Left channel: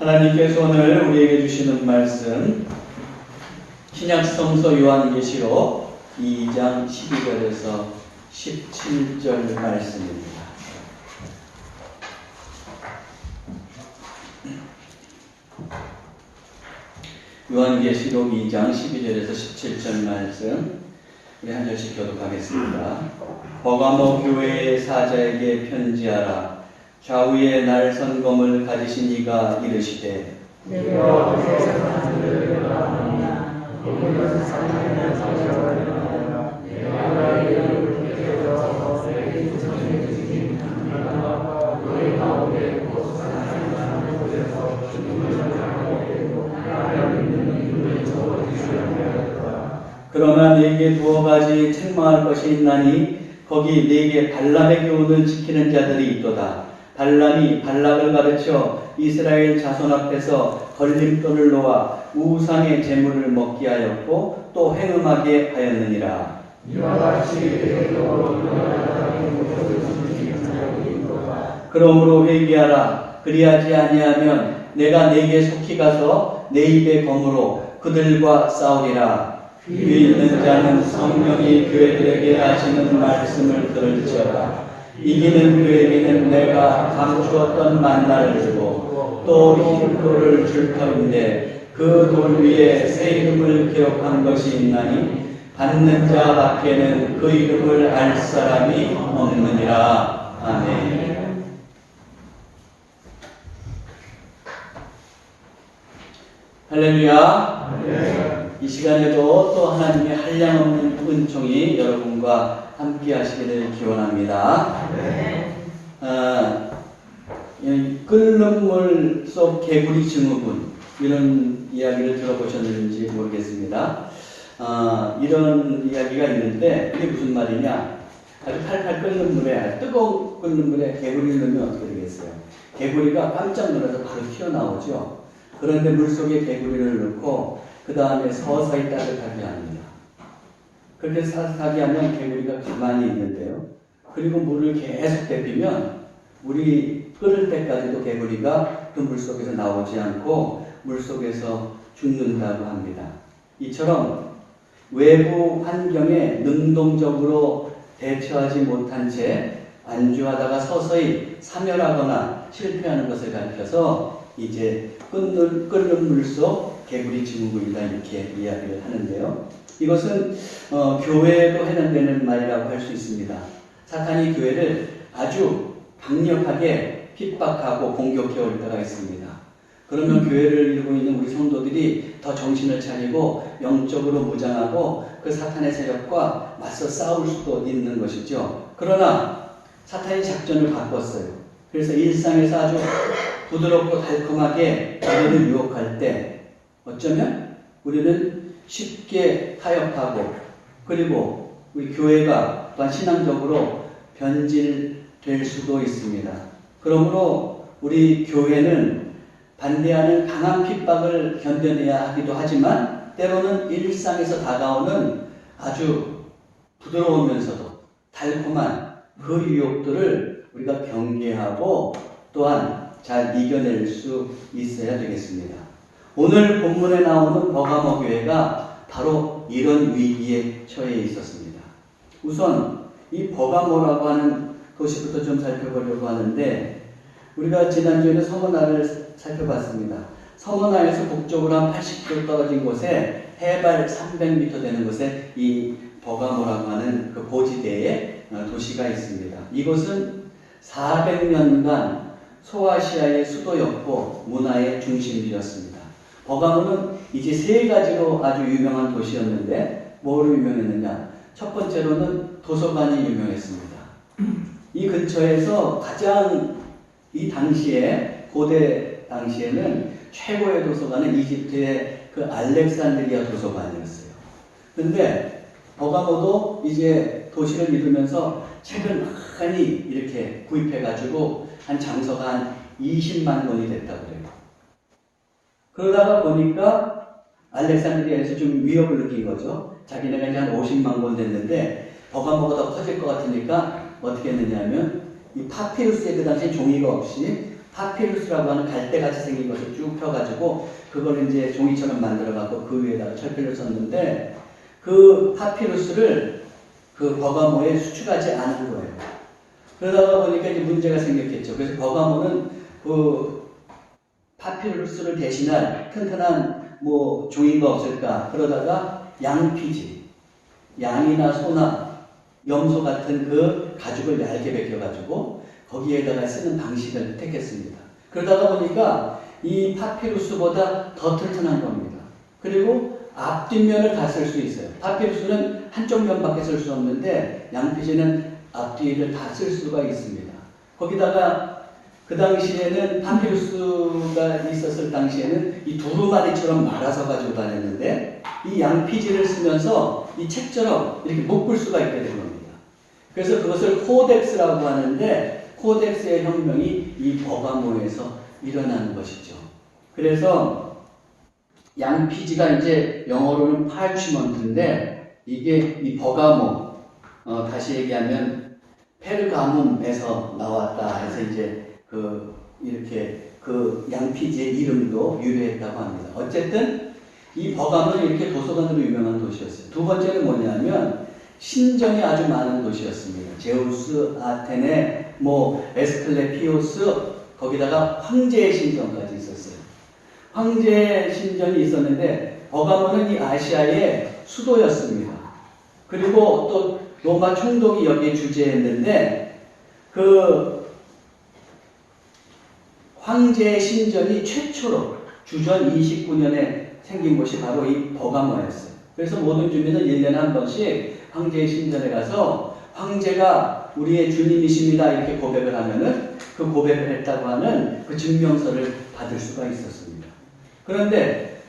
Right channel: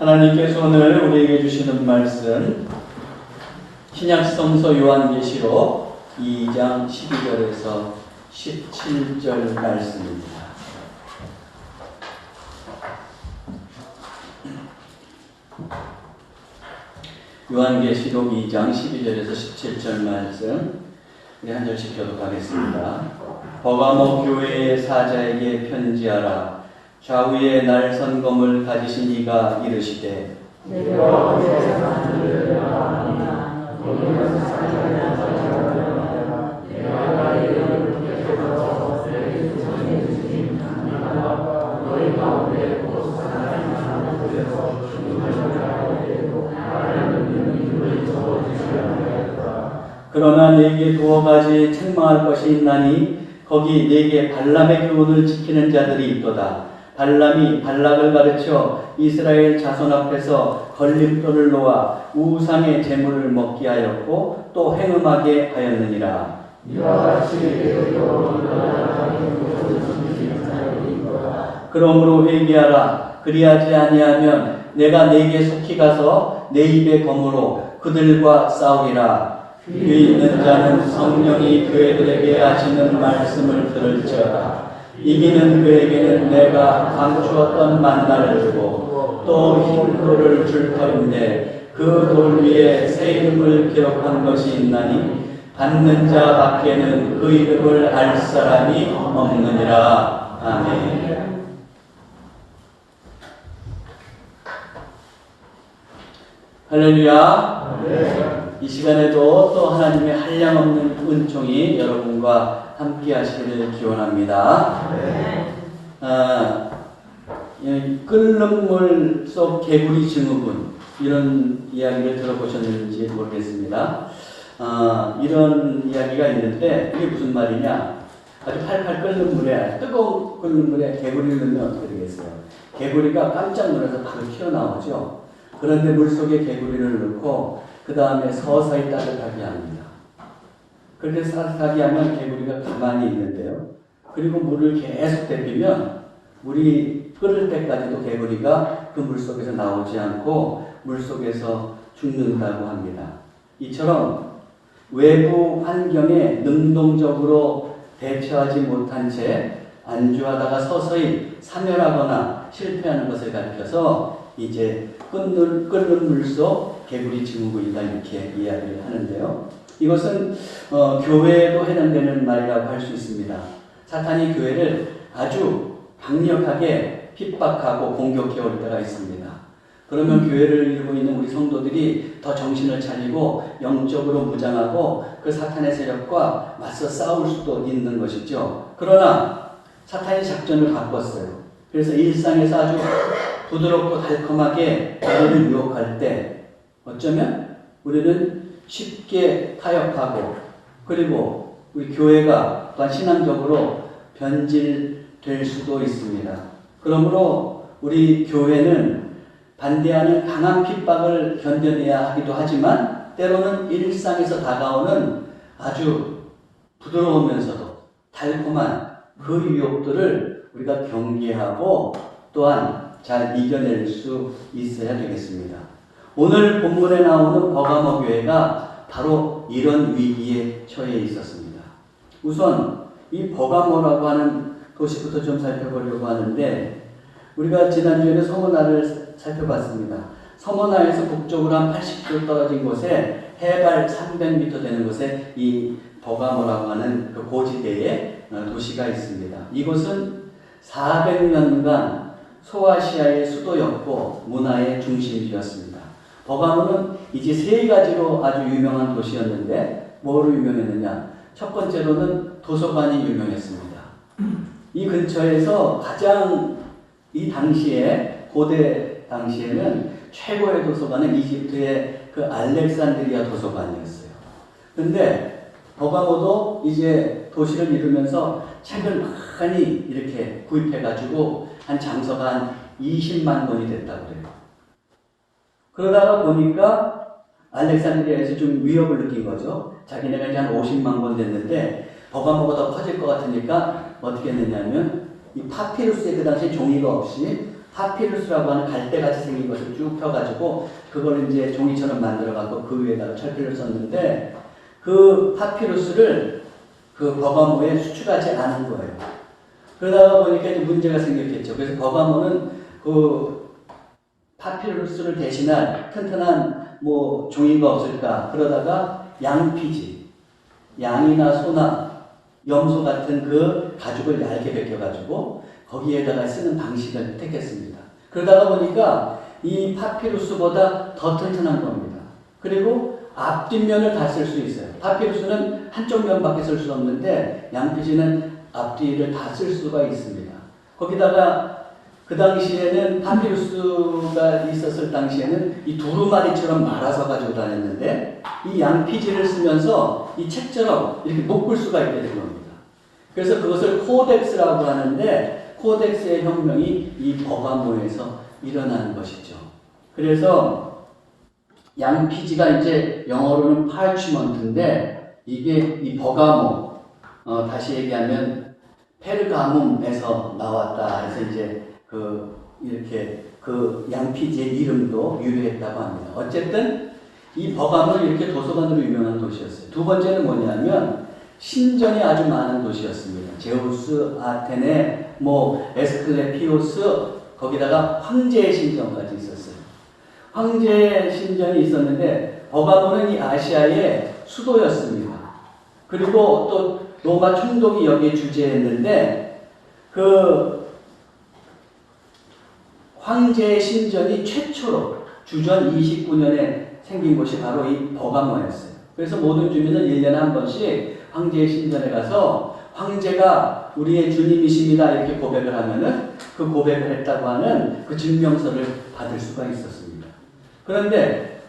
하나님께서 오늘 우리에게 주시는 말씀 신약성서 요한계시록 2장 12절에서 17절 말씀입니다. 요한계시록 2장 12절에서 17절 말씀 우리 한 절씩 교독하겠습니다. 버가모 교회의 사자에게 편지하라. 좌우에 날 섬검을 가지신 이가 이르시되 내가 어제 하늘을 바라보나 거기서 사자의 사자라 내가 나의 이름을 붙여서 너에게 전해주신 하나님과 너희 가운데 곧 사나이 사는 곳에서 죽음을 당하게 되고 나를 믿는 이름을 적어주시려 하였다. 그러나 네게 두어 가지 책망할 것이 있나니 거기 네게 발람의 교훈을 지키는 자들이 있도다. 발람이 발락을 가르쳐 이스라엘 자손 앞에서 걸림돌을 놓아 우상의 제물을 먹게 하였고 또 행음하게 하였느니라. 그러므로 회개하라. 그리하지 아니하면 내가 네게 속히 가서 내 입의 검으로 그들과 싸우리라. 귀 있는 자는 성령이 교회들에게 하시는 말씀을 들을지어다. 이기는 그에게는 내가 감추었던 만나를 주고 또 흰 돌을 줄 터인데 그 돌 위에 새 이름을 기록한 것이 있나니 받는 자 밖에는 그 이름을 알 사람이 없느니라. 아멘. 할렐루야. 아멘. 이 시간에도 또 하나님의 한량없는 은총이 여러분과 함께 하시기를 기원합니다. 끓는 물 속 개구리 증후군 이런 이야기를 들어보셨는지 모르겠습니다. 이런 이야기가 있는데 이게 무슨 말이냐? 아주 팔팔 끓는 물에 뜨거운 끓는 물에 개구리를 넣으면 어떻게 되겠어요? 개구리가 깜짝 놀라서 바로 튀어나오죠. 그런데 물속에 개구리를 넣고 그 다음에 서서히 따뜻하게 합니다. 그렇게 따뜻하게 하면 개구리가 가만히 있는데요. 그리고 물을 계속 데피면 물이 끓을 때까지도 개구리가 그 물속에서 나오지 않고 물속에서 죽는다고 합니다. 이처럼 외부 환경에 능동적으로 대처하지 못한 채 안주하다가 서서히 사멸하거나 실패하는 것을 가리켜서 이제 끓는 물속 개구리 증후군이다 이렇게 이야기를 하는데요. 이것은 교회에도 해당되는 말이라고 할 수 있습니다. 사탄이 교회를 아주 강력하게 핍박하고 공격해 올 때가 있습니다. 그러면 교회를 이루고 있는 우리 성도들이 더 정신을 차리고 영적으로 무장하고 그 사탄의 세력과 맞서 싸울 수도 있는 것이죠. 그러나 사탄이 작전을 바꿨어요. 그래서 일상에서 아주 부드럽고 달콤하게 우리를 유혹할 때 어쩌면 우리는 쉽게 타협하고 그리고 우리 교회가 또한 신앙적으로 변질될 수도 있습니다. 그러므로 우리 교회는 반대하는 강한 핍박을 견뎌내야 하기도 하지만 때로는 일상에서 다가오는 아주 부드러우면서도 달콤한 그 유혹들을 우리가 경계하고 또한 잘 이겨낼 수 있어야 되겠습니다. 오늘 본문에 나오는 버가모 교회가 바로 이런 위기에 처해 있었습니다. 우선 이 버가모라고 하는 도시부터 좀 살펴보려고 하는데 우리가 지난주에는 서머나를 살펴봤습니다. 서머나에서 북쪽으로 한 80km 떨어진 곳에 해발 300m 되는 곳에 이 버가모라고 하는 그 고지대에 도시가 있습니다. 이곳은 400년간 소아시아의 수도였고 문화의 중심지였습니다. 버가모는 이제 세 가지로 아주 유명한 도시였는데 뭐로 유명했느냐? 첫 번째로는 도서관이 유명했습니다. 이 근처에서 가장 이 당시에 고대 당시에는 최고의 도서관은 이집트의 그 알렉산드리아 도서관이었어요. 그런데 버가모도 이제 도시를 이루면서 책을 많이 이렇게 구입해가지고 한 장서가 한 20만 권이 됐다고 해요. 그러다가 보니까 알렉산드리아에서 좀 위협을 느낀 거죠. 자기네가 이제 한 50만 권 됐는데 버가모가 더 커질 것 같으니까 어떻게 했느냐면 이 파피루스에 그 당시 종이가 없이 파피루스라고 하는 갈대같이 생긴 것을 쭉 펴가지고 그걸 이제 종이처럼 만들어갖고 그 위에다가 철필을 썼는데 그 파피루스를 그 버가모에 수출하지 않은 거예요. 그러다가 보니까 이제 문제가 생겼겠죠. 그래서 버가모는 그 파피루스를 대신할 튼튼한 뭐 종이가 없을까 그러다가 양피지, 양이나 소나 염소 같은 그 가죽을 얇게 벗겨가지고 거기에다가 쓰는 방식을 택했습니다. 그러다가 보니까 이 파피루스보다 더 튼튼한 겁니다. 그리고 앞뒷면을 다 쓸 수 있어요. 파피루스는 한쪽 면밖에 쓸 수 없는데 양피지는 앞뒤를 다 쓸 수가 있습니다. 거기다가 그 당시에는 파피루스가 있었을 당시에는 이 두루마리처럼 말아서 가지고 다녔는데 이 양피지를 쓰면서 이 책처럼 이렇게 묶을 수가 있게 된 겁니다. 그래서 그것을 코덱스라고 하는데 코덱스의 혁명이 이 버가모에서 일어나는 것이죠. 그래서 양피지가 이제 영어로는 parchment인데 이게 이 버가모 다시 얘기하면 페르가문에서 나왔다 해서 이제 이렇게 그 양피지의 이름도 유래했다고 합니다. 어쨌든 이 버가모는 이렇게 도서관으로 유명한 도시였어요. 두 번째는 뭐냐면 신전이 아주 많은 도시였습니다. 제우스, 아테네, 뭐 에스클레피오스, 거기다가 황제의 신전까지 있었어요. 황제의 신전이 있었는데 버가모는 이 아시아의 수도였습니다. 그리고 또 로마 총독이 여기에 주재했는데 그 황제의 신전이 최초로 주전 29년에 생긴 곳이 바로 이 버가모였어요. 그래서 모든 주민은 1년에 한 번씩 황제의 신전에 가서 황제가 우리의 주님이십니다 이렇게 고백을 하면은 그 고백을 했다고 하는 그 증명서를 받을 수가 있었습니다. 그런데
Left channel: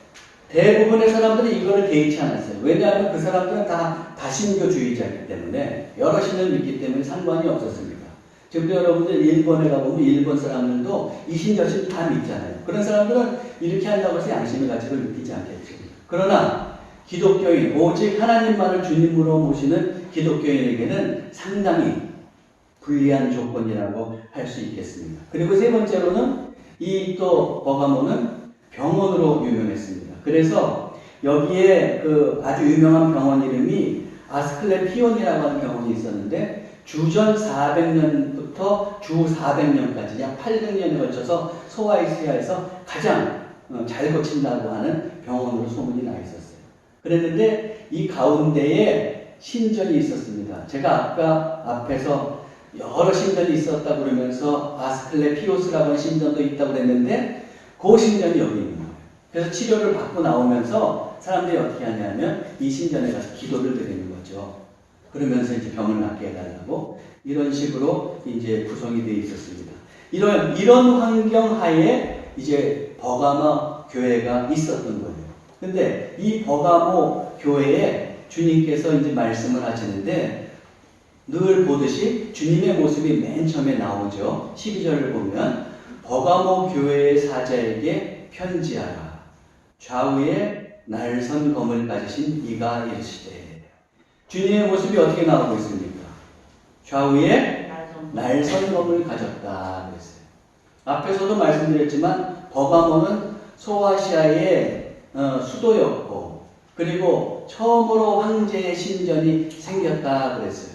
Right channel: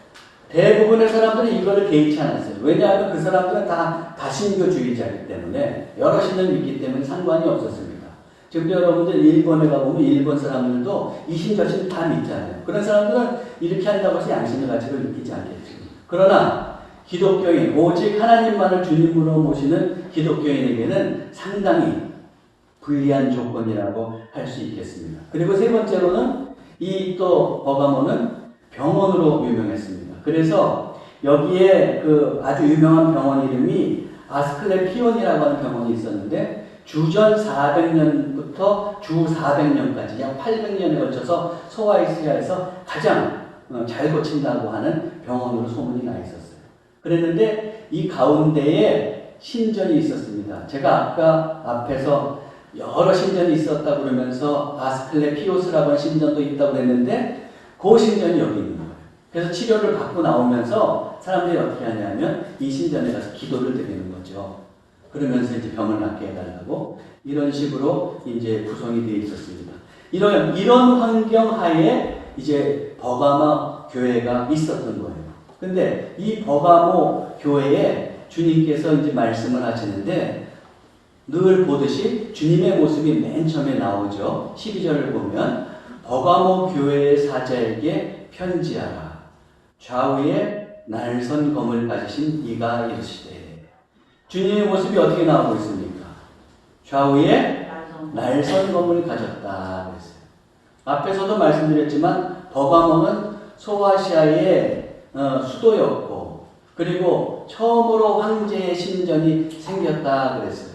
대부분의 사람들은 이거를 개의치 않았어요. 왜냐하면 그 사람들은 다 다신교주의자이기 때문에 여러 신을 믿기 때문에 상관이 없었습니다. 지금도 여러분들 일본에 가보면 일본 사람들도 이신 저신 다 믿잖아요. 그런 사람들은 이렇게 한다고 해서 양심의 가치를 느끼지 않겠죠. 그러나 기독교인, 오직 하나님만을 주님으로 모시는 기독교인에게는 상당히 불리한 조건이라고 할 수 있겠습니다. 그리고 세 번째로는 이 또 버가모는 병원으로 유명했습니다. 그래서 여기에 그 아주 유명한 병원 이름이 아스클레피온이라고 하는 병원이 있었는데 주전 400년부터 주 400년까지 약 800년에 걸쳐서 소아이시아에서 가장 잘 고친다고 하는 병원으로 소문이 나 있었어요. 그랬는데 이 가운데에 신전이 있었습니다. 제가 아까 앞에서 여러 신전이 있었다 그러면서 아스클레피오스라고 하는 신전도 있다고 그랬는데 그 신전이 여기 있는 거예요. 그래서 치료를 받고 나오면서 사람들이 어떻게 하냐면 이 신전에 가서 기도를 드리는 거죠. 그러면서 이제 병을 낫게 해달라고 이런 식으로 이제 구성이 되어 있었습니다. 이런 환경 하에 이제 버가모 교회가 있었던 거예요. 근데 이 버가모 교회에 주님께서 이제 말씀을 하시는데 늘 보듯이 주님의 모습이 맨 처음에 나오죠. 12절을 보면 버가모 교회의 사자에게 편지하라. 좌우에 날선 검을 가지신 이가 이르시되. 주님의 모습이 어떻게 나오고 있습니까? 좌우에 날선 검을 가졌다 그랬어요. 앞에서도 말씀드렸지만 버가모는 소아시아의 수도였고 그리고 처음으로 황제의 신전이 생겼다 그랬어요.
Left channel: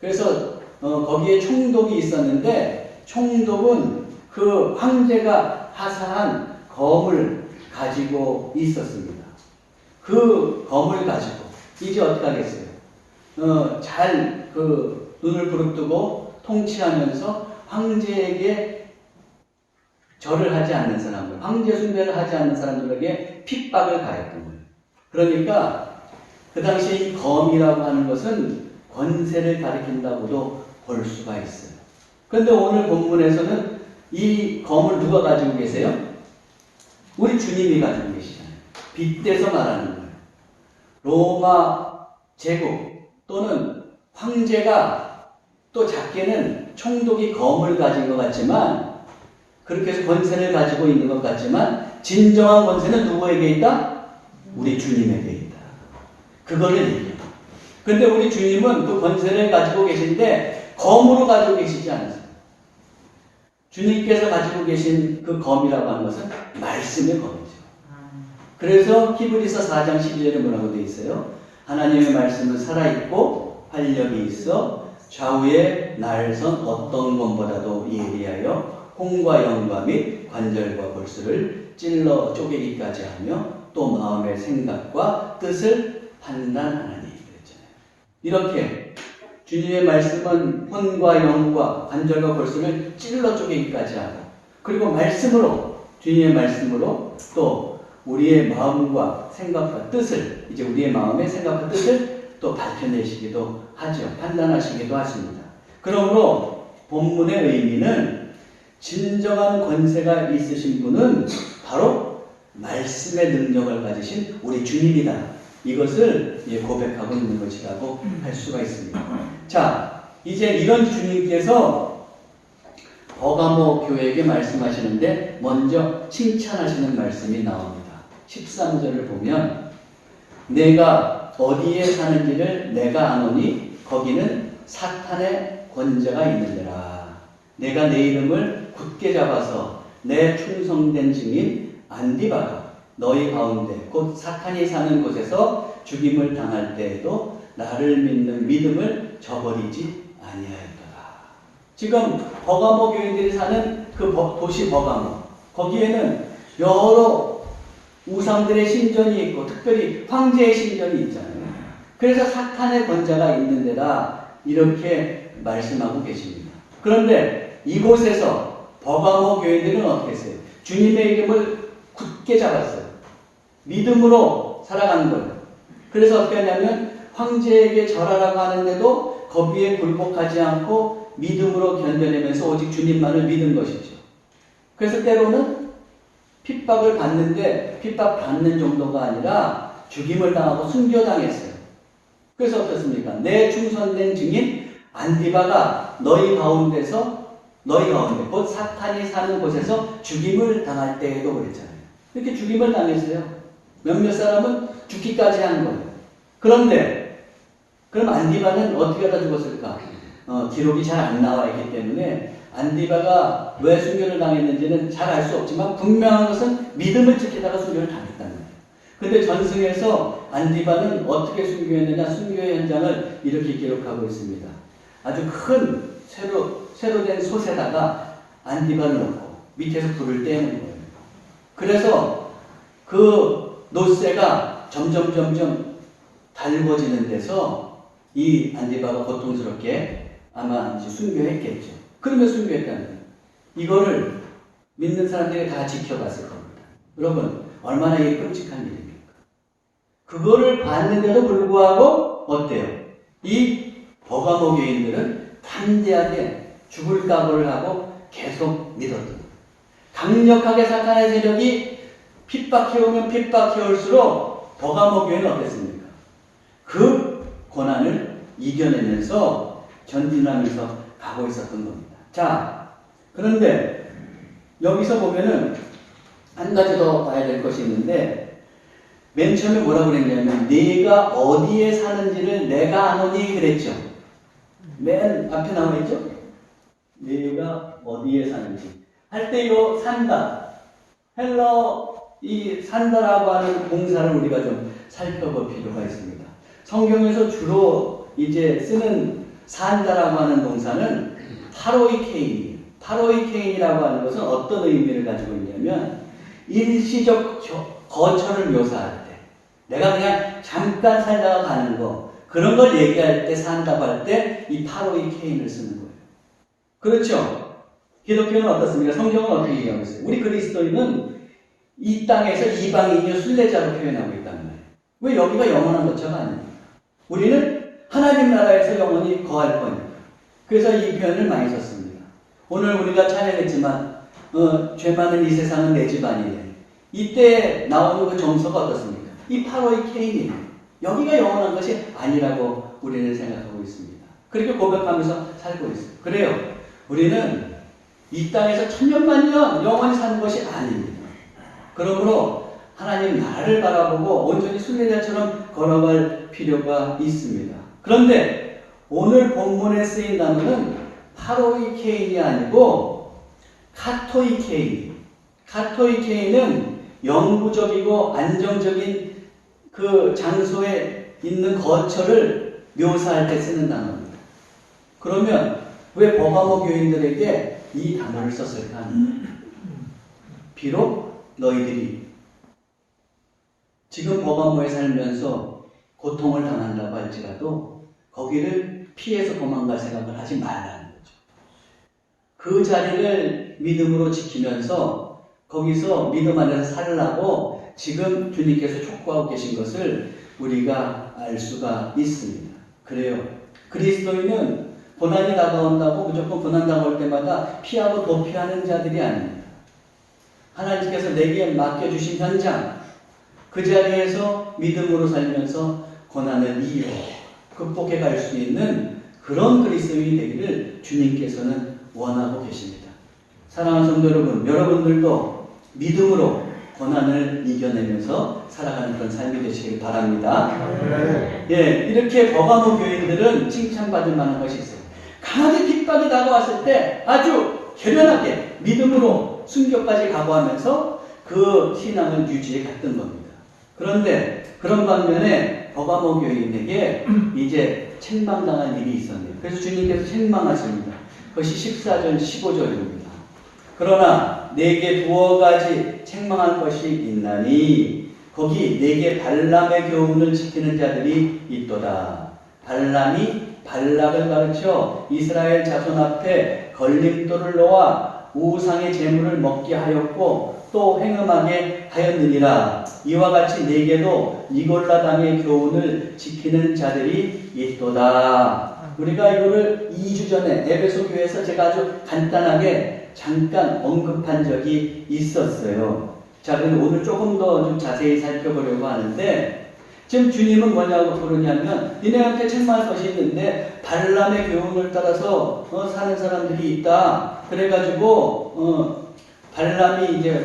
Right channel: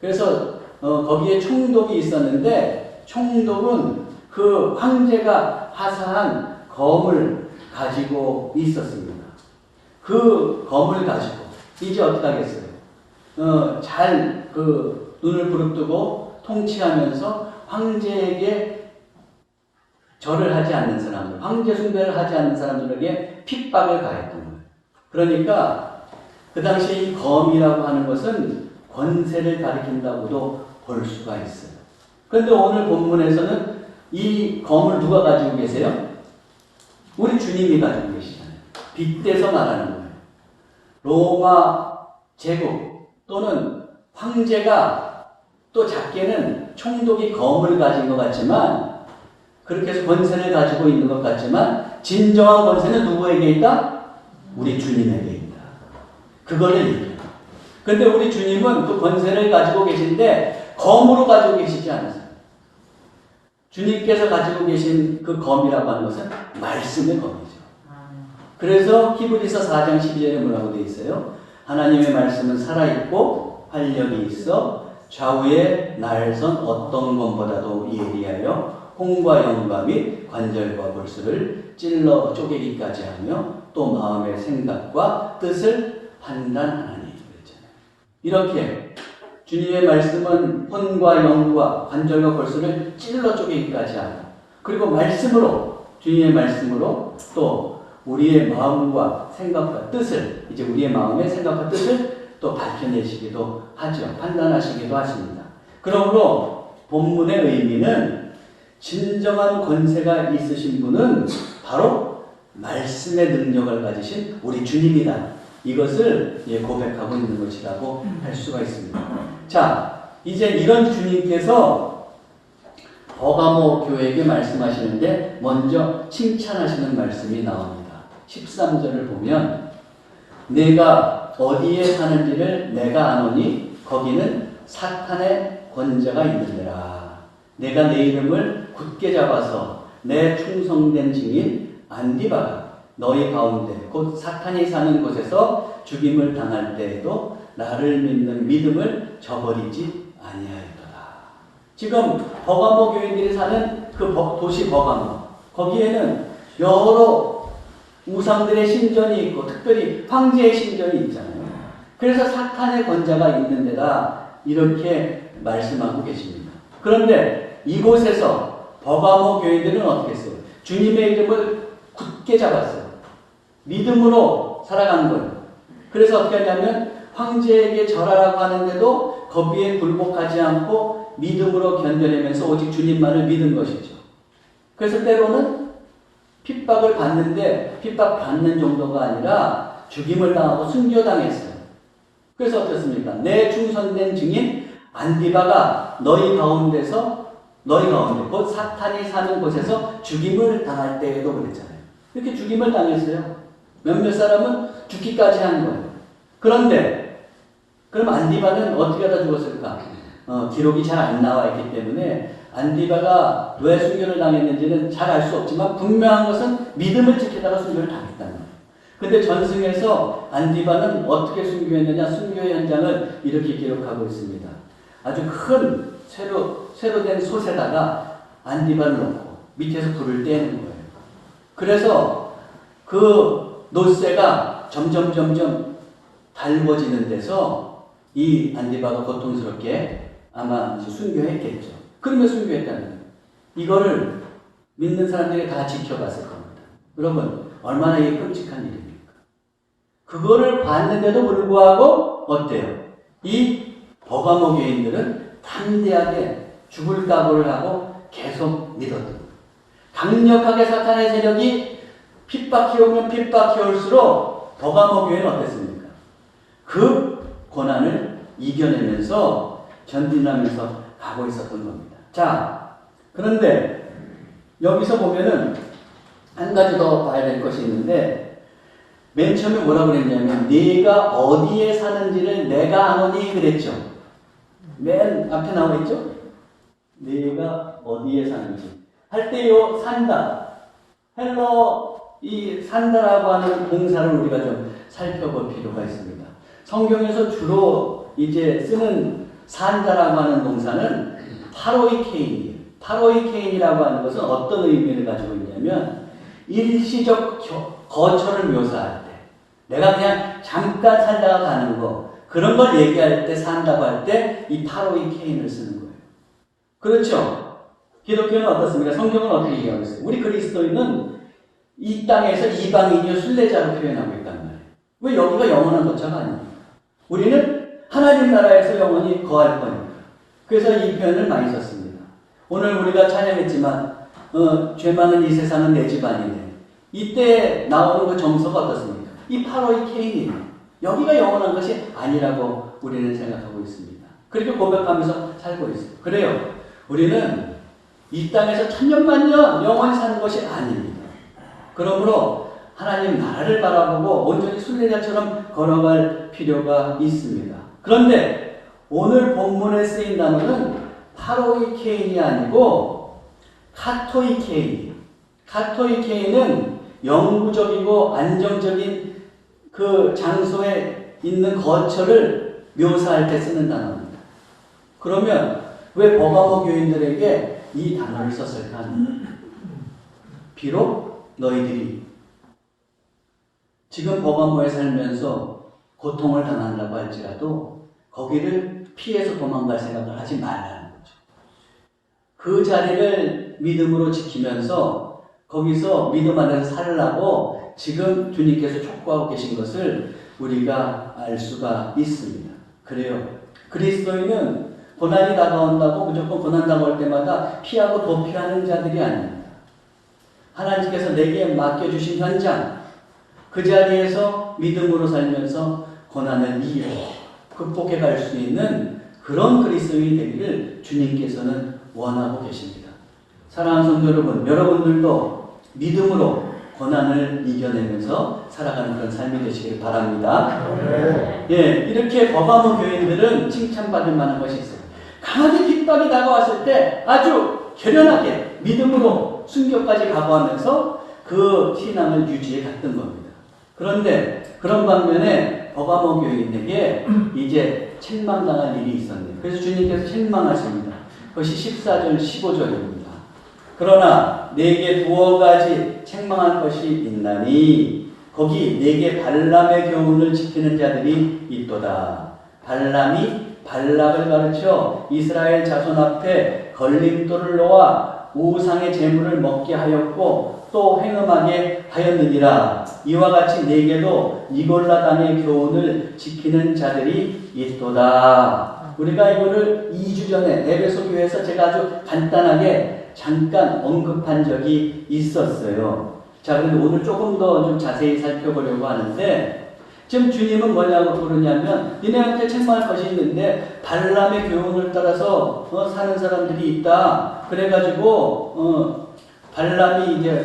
그래서 거기에 총독이 있었는데 총독은 그 황제가 하사한 검을 가지고 있었습니다. 그 검을 가지고 이제 어떻게 하겠어요? 잘 눈을 부릅뜨고 통치하면서 황제에게 절을 하지 않는 사람들, 황제 숭배를 하지 않는 사람들에게 핍박을 가했던 거예요. 그러니까 그 당시에 이 검이라고 하는 것은 권세를 가리킨다고도 볼 수가 있어요. 그런데 오늘 본문에서는 이 검을 누가 가지고 계세요? 우리 주님이 가지고 계시잖아요. 빗대서 말하는 거예요. 로마 제국 또는 황제가 또 작게는 총독이 검을 가진 것 같지만 그렇게 해서 권세를 가지고 있는 것 같지만 진정한 권세는 누구에게 있다? 우리 주님에게 있다. 그거를 얘기해요. 그런데 우리 주님은 그 권세를 가지고 계신데 검으로 가지고 계시지 않으세요. 주님께서 가지고 계신 그 검이라고 하는 것은 말씀의 검이죠. 그래서 히브리서 4장 12절에 뭐라고 되어 있어요? 하나님의 말씀은 살아있고 활력이 있어 좌우에 날선 어떤 검보다도 예리하여 홍과 영과 및 관절과 골수를 찔러 쪼개기까지 하며 또 마음의 생각과 뜻을 판단하나니 그랬잖아요. 이렇게 주님의 말씀은 혼과 영과 관절과 골수를 찔러 쪼개기까지 하고 그리고 말씀으로 주님의 말씀으로 또 우리의 마음과 생각과 뜻을 이제 우리의 마음의 생각과 뜻을 또 밝혀내시기도 하죠. 판단하시기도 하십니다. 그러므로 본문의 의미는 진정한 권세가 있으신 분은 바로 말씀의 능력을 가지신 우리 주님이다. 이것을 고백하고 있는 것이라고 할 수가 있습니다. 자, 이제 이런 주님께서 버가모 교회에게 말씀하시는데 먼저 칭찬하시는 말씀이 나옵니다. 13절을 보면 내가 어디에 사는지를 내가 아노니 거기는 사탄의 권세가 있느니라. 내가 내 이름을 굳게 잡아서 내 충성된 증인 안디바가 너희 가운데 곧 사탄이 사는 곳에서 죽임을 당할 때에도 나를 믿는 믿음을 저버리지 아니하였도다. 지금 버가모 교인들이 사는 그 도시 버가모, 거기에는 여러 우상들의 신전이 있고 특별히 황제의 신전이 있잖아요. 그래서 사탄의 권자가 있는 데다 이렇게 말씀하고 계십니다. 그런데 이곳에서 버가모 교인들은 어떻게 했어요? 주님의 이름을 굳게 잡았어요. 믿음으로 살아간 거예요. 그래서 어떻게 하냐면 황제에게 절하라고 하는데도 거기에 굴복하지 않고 믿음으로 견뎌내면서 오직 주님만을 믿은 것이죠. 그래서 때로는 핍박을 받는데 핍박받는 정도가 아니라 죽임을 당하고 순교당했어요. 그래서 어떻습니까? 내 충성된 증인 안디바가 너희 가운데 곧 사탄이 사는 곳에서 죽임을 당할 때에도 그랬잖아요. 이렇게 죽임을 당했어요. 몇몇 사람은 죽기까지 한 거예요. 그런데 그럼 안디바는 어떻게 하다 죽었을까? 기록이 잘 안 나와 있기 때문에 안디바가 왜 순교를 당했는지는 잘 알 수 없지만 분명한 것은 믿음을 지키다가 순교를 당했다는 거예요. 근데 전승에서 안디바는 어떻게 순교했느냐? 순교의 현장을 이렇게 기록하고 있습니다. 아주 큰 새로 된 솥에다가 안디바를 넣고 밑에서 불을 떼는 거예요. 그래서 그 노쇠가 점점 달궈지는 데서 이 안디바가 고통스럽게 아마 이제 순교했겠죠. 그러면 순교했다는 거예요. 이거를 믿는 사람들이 다 지켜봤을 겁니다. 여러분, 얼마나 이게 끔찍한 일입니까? 그거를 봤는데도 불구하고 어때요? 이 버가모 교인들은 담대하게 죽을 각오를 하고 계속 믿었던 거예요. 강력하게 사탄의 세력이 핍박해오면 핍박해올수록 버가모 교회는 어땠습니까? 그 고난을 이겨내면서 전진하면서 가고 있었던 겁니다. 자, 그런데 여기서 보면은 한 가지 더 봐야 될 것이 있는데 맨 처음에 뭐라고 그랬냐면 네가 어디에 사는지를 내가 아노니 그랬죠. 맨 앞에 나와 있죠. 네가 어디에 사는지 할 때 요 산다, 헬러 이 산다라고 하는 동사를 우리가 좀 살펴볼 필요가 있습니다. 성경에서 주로 이제 쓰는 산다라고 하는 동사는 파로이케인이에요. 파로이케인이라고 하는 것은 어떤 의미를 가지고 있냐면 일시적 거처를 묘사할 때 내가 그냥 잠깐 살다가 가는 거 그런 걸 얘기할 때 산다고 할 때 이 파로이케인을 쓰는 거예요. 그렇죠? 기독교는 어떻습니까? 성경은 어떻게 얘기하고 있어요? 우리 그리스도인은 이 땅에서 이방인이요 순례자로 표현하고 있단 말이에요. 왜 여기가 영원한 거처가 아닙니까? 우리는 하나님 나라에서 영원히 거할 거니까. 그래서 이 표현을 많이 썼습니다. 오늘 우리가 찬양했지만 죄 많은 이 세상은 내 집 아니네. 이때 나오는 그 정서가 어떻습니까? 이 파로이케인이에요. 여기가 영원한 것이 아니라고 우리는 생각하고 있습니다. 그렇게 고백하면서 살고 있어요. 그래요. 우리는 이 땅에서 천년만년 영원히 사는 것이 아닙니다. 그러므로 하나님 나라를 바라보고 온전히 순례자처럼 걸어갈 필요가 있습니다. 그런데 오늘 본문에 쓰인 단어는 파로이케인이 아니고 카토이케이. 카토이케이는 영구적이고 안정적인 그 장소에 있는 거처를 묘사할 때 쓰는 단어입니다. 그러면 왜 버가모 교인들에게 이 단어를 썼을까? 비록 너희들이 지금 버가모에 살면서 고통을 당한다고 할지라도 거기를 피해서 도망갈 생각을 하지 말라는 거죠. 그 자리를 믿음으로 지키면서 거기서 믿음 안에서 살라고 지금 주님께서 촉구하고 계신 것을 우리가 알 수가 있습니다. 그래요. 그리스도인은 고난이 다가온다고 무조건 고난 다가올 때마다 피하고 도피하는 자들이 아닙니다. 하나님께서 내게 맡겨주신 현장, 그 자리에서 믿음으로 살면서 고난을 이겨 극복해 갈 수 있는 그런 그리스도인이 되기를 주님께서는 원하고 계십니다. 사랑하는 성도 여러분, 여러분들도 믿음으로 고난을 이겨내면서 살아가는 그런 삶이 되시길 바랍니다. 예, 이렇게 버가모 교인들은 칭찬받을 만한 것이 있어요. 강하게 핍박이 다가왔을 때 아주 결연하게 믿음으로 순교까지 각오하면서 그 신앙을 유지해 갔던 겁니다. 그런데 그런 반면에 버가모 교인에게 이제 책망당할 일이 있었네요. 그래서 주님께서 책망하십니다. 그것이 14절, 15절입니다. 그러나 내게 두어 가지 책망할 것이 있나니 거기 내게 발람의 교훈을 지키는 자들이 있도다. 발람이 발락을 가르쳐 이스라엘 자손 앞에 걸림돌을 놓아 우상의 제물을 먹게 하였고 또 행음하게 하였느니라. 이와 같이 내게도 니골라 당의 교훈을 지키는 자들이 있도다. 우리가 이거를 2주 전에 에베소 교회에서 제가 아주 간단하게 잠깐 언급한 적이 있었어요. 자, 그런데 오늘 조금 더 좀 자세히 살펴보려고 하는데 지금 주님은 뭐냐고 그러냐면 니네한테 책망할 것이 있는데 발람의 교훈을 따라서 사는 사람들이 있다. 그래가지고 발람이 이제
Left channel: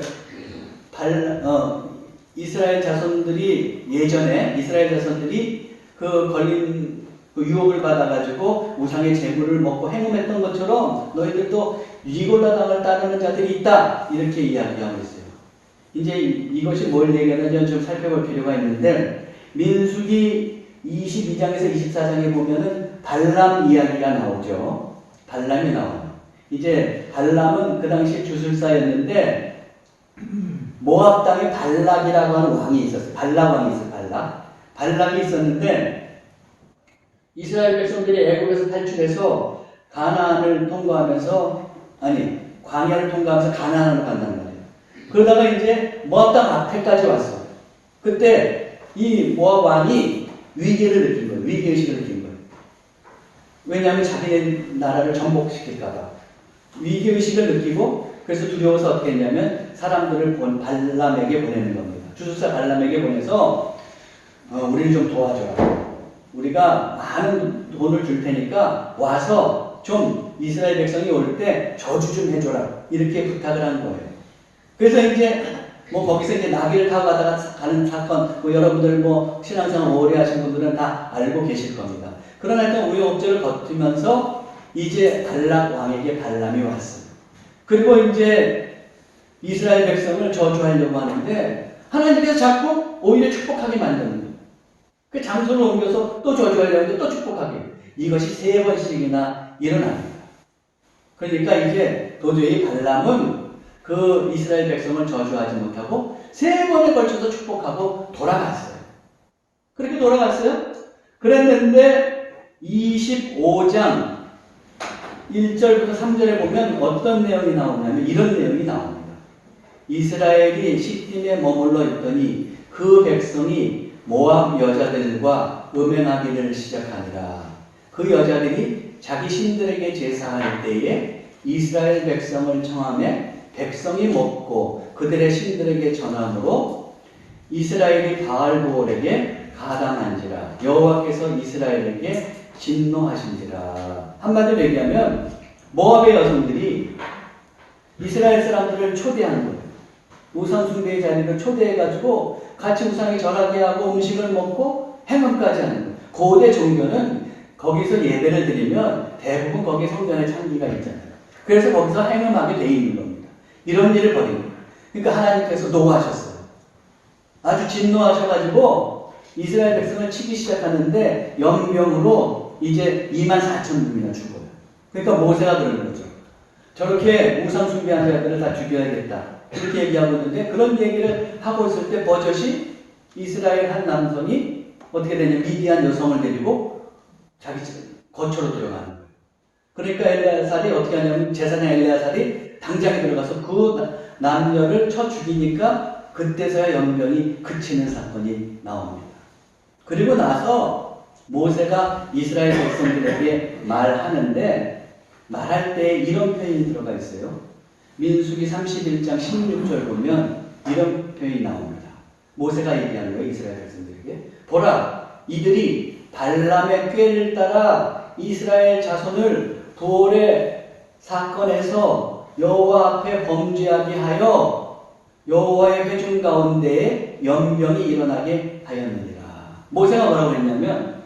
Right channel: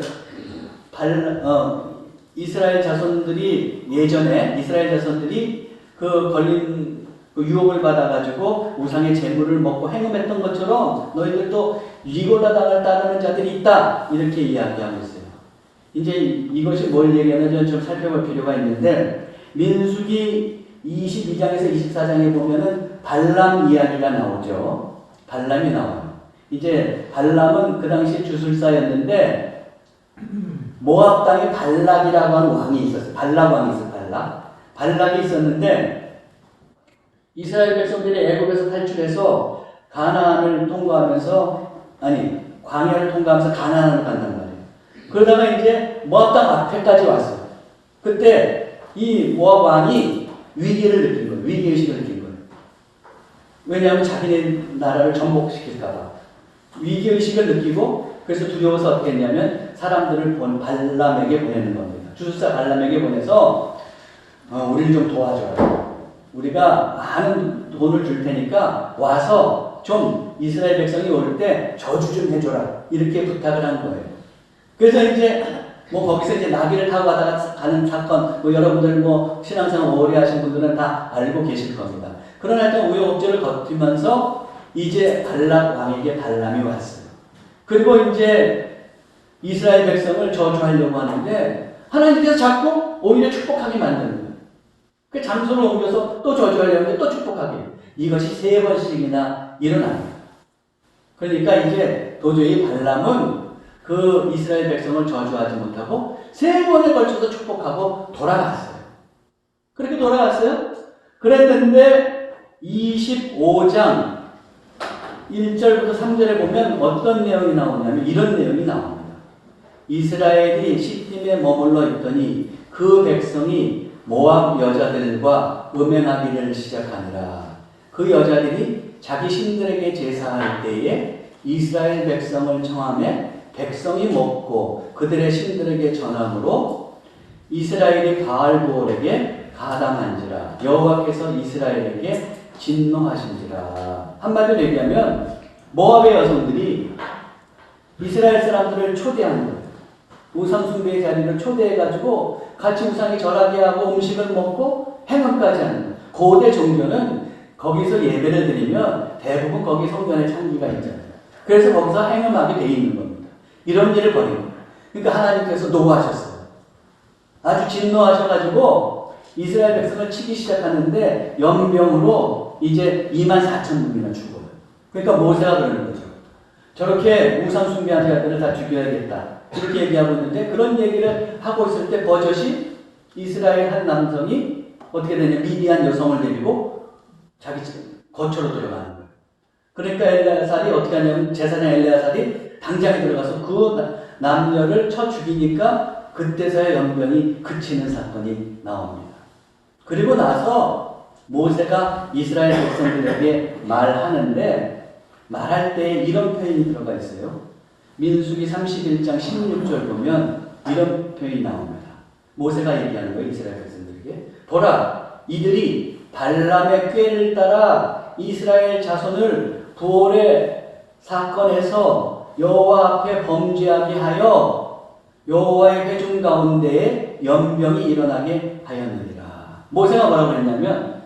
이스라엘 자손들이 예전에 이스라엘 자손들이 그 걸린 유혹을 받아가지고 우상의 제물을 먹고 행음했던 것처럼 너희들도 니골라 당을 따르는 자들이 있다. 이렇게 이야기하고 있어요. 이제 이것이 뭘 얘기하는지 좀 살펴볼 필요가 있는데 민수기 22장에서 24장에 보면은 발람 이야기가 나오죠. 발람이 나와요. 이제 발람은 그 당시 주술사였는데 모압 땅에 발락이라고 하는 왕이 있었어요. 발락 왕이 있어요. 발락이 있었는데 이스라엘 백성들이 애굽에서 탈출해서 가나안을 통과하면서 광야를 통과하면서 가나안으로 간단 말이에요. 그러다가 이제 모압 땅 앞에까지 왔어요. 그때 이 모압 왕이 위기를 느낀 거예요. 위기의식을 느낀 거예요. 왜냐하면 자기 나라를 전복시킬까봐. 위기의식을 느끼고 그래서 두려워서 어떻게 했냐면 사람들을 발람에게 보내는 겁니다. 주술사 발람에게 보내서 우리를 좀 도와줘라. 우리가 많은 돈을 줄 테니까 와서 좀 이스라엘 백성이 올 때 저주 좀 해줘라. 이렇게 부탁을 한 거예요. 그래서 이제 거기서 이제 나귀를 타고 가는 사건, 여러분들 신앙생활 오래 하신 분들은 다 알고 계실 겁니다. 그러나 일단 우여곡절을 거치면서 이제 발락 왕에게 발람이 왔어요. 그리고 이제 이스라엘 백성을 저주하려고 하는데 하나님께서 자꾸 오히려 축복하게 만드는 거예요. 그 장소를 옮겨서 또 저주하려고 하는데 또 축복하게. 이것이 3번씩이나 일어납니다. 그러니까 이제 도저히 발람은 그 이스라엘 백성을 저주하지 못하고 3번에 걸쳐서 축복하고 돌아갔어요. 그렇게 돌아갔어요. 그랬는데 25장 1절부터 3절에 보면 어떤 내용이 나오냐면 이런 내용이 나옵니다. 이스라엘이 시딤에 머물러 있더니 그 백성이 모압 여자들과 음행하기를 시작하니라. 그 여자들이 자기 신들에게 제사할 때에 이스라엘 백성을 청하며 백성이 먹고 그들의 신들에게 전함으로 이스라엘이 바알보올에게 가담한지라. 여호와께서 이스라엘에게 진노하신지라. 한마디로 얘기하면 모압의 여성들이 이스라엘 사람들을 초대한 거예요. 우상 숭배의 자리를 초대해가지고 같이 우상에 절하게 하고 음식을 먹고 행음까지 하는 거예요. 고대 종교는 거기서 예배를 드리면 대부분 거기 성전에 창기가 있잖아요. 그래서 거기서 행음하게 돼 있는 겁니다. 이런 일을 벌인 거예요. 그러니까 하나님께서 노하셨어요. 아주 진노하셔가지고 이스라엘 백성을 치기 시작하는데 연병으로 이제 24,000명이나 죽어요. 그러니까 모세가 그러는 거죠. 저렇게 우상 숭배한 자들을 다 죽여야겠다. 이렇게 얘기하고 있는데 그런 얘기를 하고 있을 때 버젓이 이스라엘 한 남성이 어떻게 되냐, 미디안 여성을 데리고 자기 거처로 들어가는 거예요. 그러니까 엘레아살이 어떻게 하냐면 제사장 엘레아살이 당장에 들어가서 그 남녀를 쳐 죽이니까 그때서야 연병이 그치는 사건이 나옵니다. 그리고 나서 모세가 이스라엘 백성들에게 말하는데 말할 때 이런 표현이 들어가 있어요. 민수기 31장 16절 보면 이런 표현이 나옵니다. 모세가 얘기하는 거예요. 이스라엘 백성들에게. 보라, 이들이 발람의 꾀를 따라 이스라엘 자손을 부올의 사건에서 여호와 앞에 범죄하게 하여 여호와의 회중 가운데에 연병이 일어나게 하였느니라. 모세가 뭐라고 했냐면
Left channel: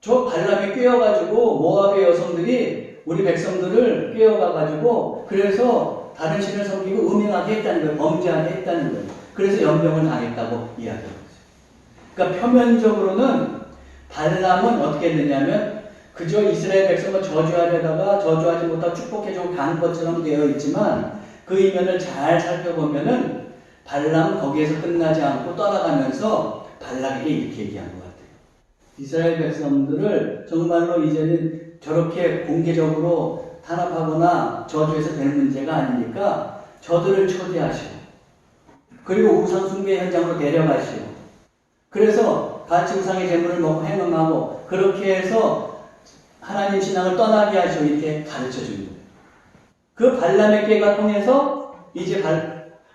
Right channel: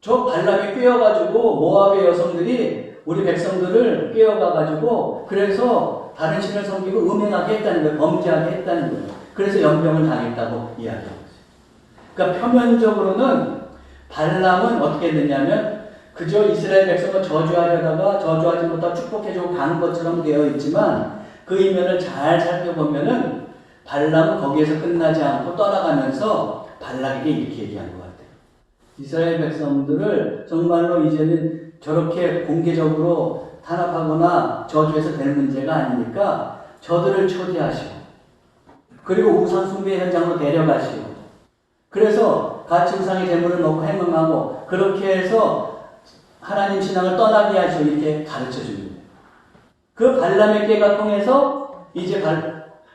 저 발람이 꿰어가지고 모압의 여성들이 우리 백성들을 꿰어가가지고 그래서 다른 신을 섬기고 음행하게 했다는 거예요. 범죄하게 했다는 거예요. 그래서 연병을 당했다고 이야기하고 있어요. 그러니까 표면적으로는 발람은 어떻게 했느냐면 그저 이스라엘 백성을 저주하려다가 저주하지 못하고 축복해주고 간 것처럼 되어 있지만 그 이면을 잘 살펴보면은 발람은 거기에서 끝나지 않고 떠나가면서 발락에게 이렇게 얘기한 것 같아요. 이스라엘 백성들을 정말로 이제는 저렇게 공개적으로 탄압하거나 저주해서 될 문제가 아니니까 저들을 초대하시고 그리고 우상 숭배 현장으로 데려가시고 그래서 같이 우상의 제물을 놓고 행음하고 그렇게 해서 하나님 신앙을 떠나게 하시고 이렇게 가르쳐 준 거예요. 그 발람의 꾀가 통해서 이제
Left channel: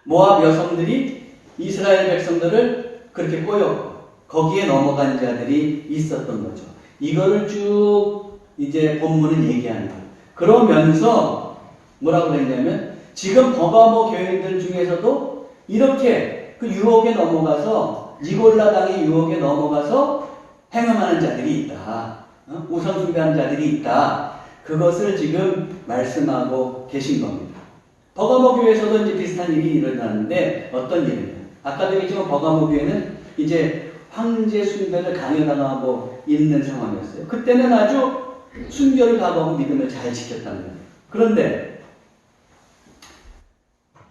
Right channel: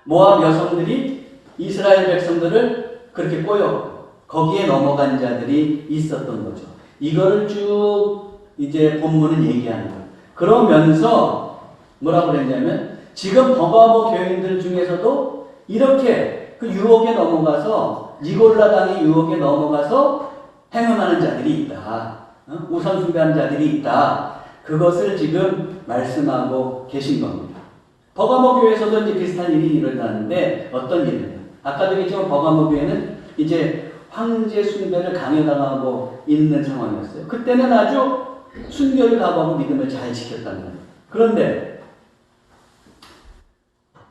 모압 여성들이 이스라엘 백성들을 그렇게 꼬였고 거기에 넘어간 자들이 있었던 거죠. 이거를 쭉 이제 본문은 얘기하는 거예요. 그러면서 뭐라고 그랬냐면 지금 버가모 교인들 중에서도 이렇게 그 유혹에 넘어가서 니골라 당의 유혹에 넘어가서 행음하는 자들이 있다. 우상 숭배하는 자들이 있다. 그것을 지금 말씀하고 계신 겁니다. 버가모 교회에서도 이제 비슷한 일이 일어났는데 어떤 일이냐? 아까도 얘기했지만 버가모 교회는 이제 황제 숭배를 강요당하고 있는 상황이었어요. 그때는 아주 순결을 각오하고 믿음을 잘 지켰단 말이에요. 그런데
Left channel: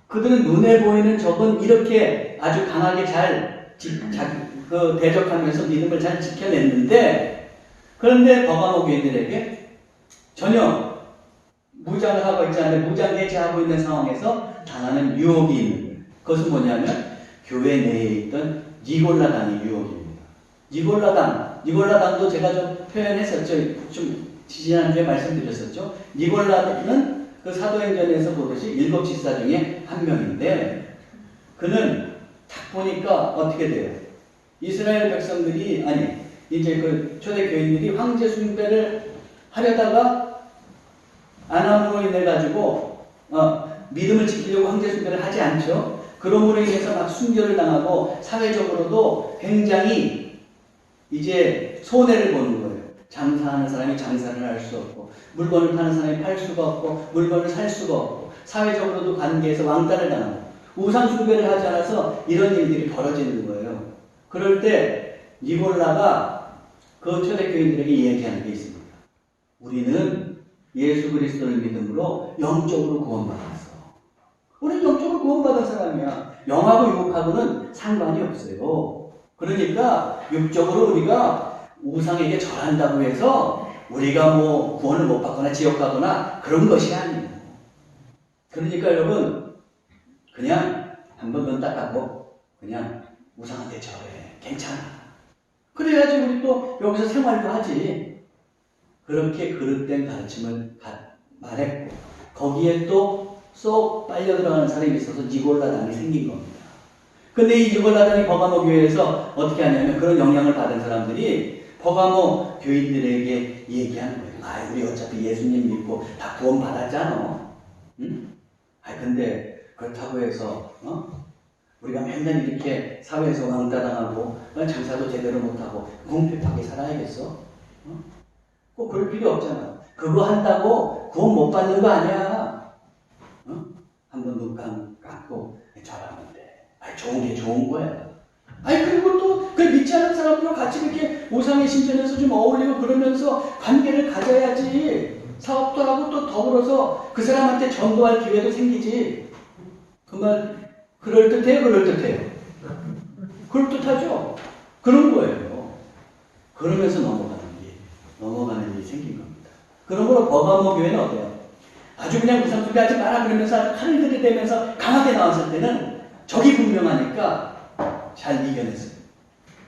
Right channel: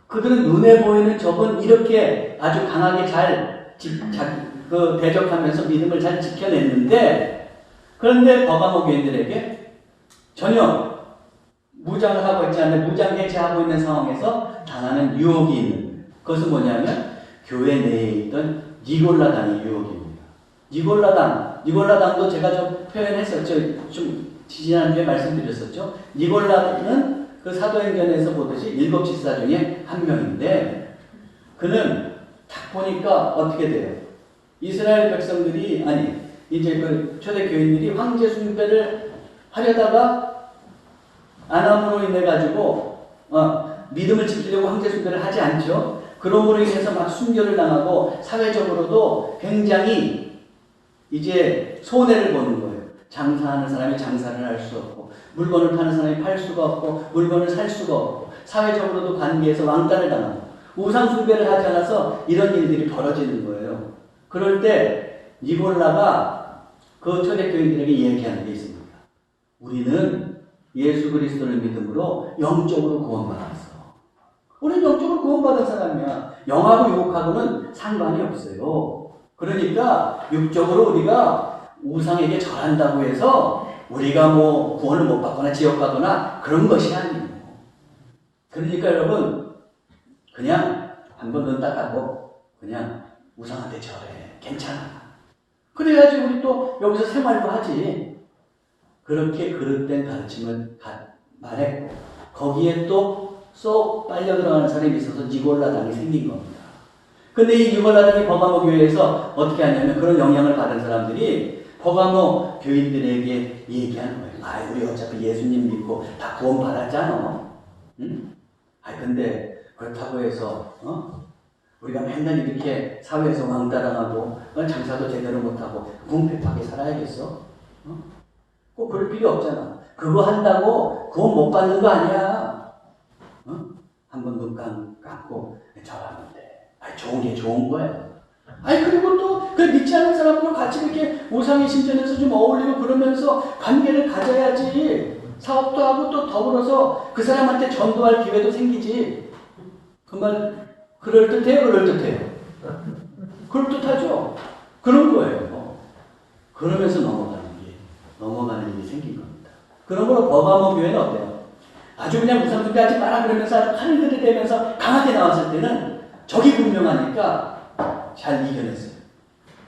그들은 눈에 보이는 적은 이렇게 아주 강하게 잘 대적하면서 믿음을 잘 지켜냈는데 그런데 버가모 교인들에게 전혀 무장을 하고 있지 않는데 무장 해제하고 있는 상황에서 당하는 유혹이 있는 거예요. 그것은 뭐냐면 교회 내에 있던 니골라당의 유혹입니다. 니골라당도 제가 좀 표현했었죠. 좀 지난주에 말씀드렸었죠. 니골라는 그 사도행전에서 보듯이 7 지사 중에 한 명인데 그는 딱 보니까 어떻게 돼요? 이스라엘 백성들이 이제 그 초대 교인들이 황제 숭배를 하려다가 안함으로 인해 가지고 믿음을 지키려고 황제 숭배를 하지 않죠. 그러므로 인해서 막 순교를 당하고 사회적으로도 굉장히 이제 손해를 보는 거예요. 장사하는 사람이 장사를 할 수 없고 물건을 파는 사람이 팔 수가 없고 물건을 살 수가 없고 사회적으로도 관계에서 왕따를 당하고 우상 숭배를 하지 않아서 이런 일들이 벌어지는 거예요. 그럴 때 니골라가 그 초대교인들에게 이야기하는 게 있습니다. 우리는 예수 그리스도를 믿음으로 영적으로 구원받았어. 우리는 영적으로 구원받은 사람이야. 영하고 육하고는 상관이 없어요. 그러니까 육적으로 우리가 우상에게 절한다고 해서 우리가 뭐 구원을 못 받거나 지옥 가거나 그런 것이 아니에요. 그러니까 여러분 그냥 한번 눈 닦아고 그냥 우상한테 절해. 괜찮아. 그래야지 우리 또 여기서 생활도 하지. 그렇게 그릇된 가르침을 말했고 거기에 또 쏙 빨려 들어가는 사람이 있어서 니골라당이 생긴 겁니다. 근데 이 니골라당이 버가모 교회에서 어떻게 하냐면 그런 영향을 받은 사람들이 버가모 교인들에게 얘기하는 거예요. 우리 어차피 예수님 믿고 다 구원 받았잖아. 응? 근데 그렇다고 해서 우리가 맨날 이렇게 사회에서 왕따당하고 장사도 제대로 못하고 궁핍하게 살아야겠어? 꼭 그럴 필요 없잖아. 그거 한다고 구원 못 받는 거 아니야. 한번 눈 감고 절하는데, 좋은 게 좋은 거예요. 그리고 또 그 믿지 않는 사람들 같이 이렇게 우상의 신전에서 좀 어울리고 그러면서 관계를 가져야지. 사업도 하고 또 더불어서 그 사람한테 전도할 기회도 생기지. 그 말 그럴듯해요, 그럴듯해요. 그럴듯하죠. 그런 거예요. 그러면서 넘어가는 일이 생긴 겁니다. 그런 걸로 버가모 교회는 어때요? 아주 그냥 우상숭배 하지 마라 그러면서 아주 칼을 들이대면서 강하게 나왔을 때는 적이 분명하니까 잘 이겨냈어요.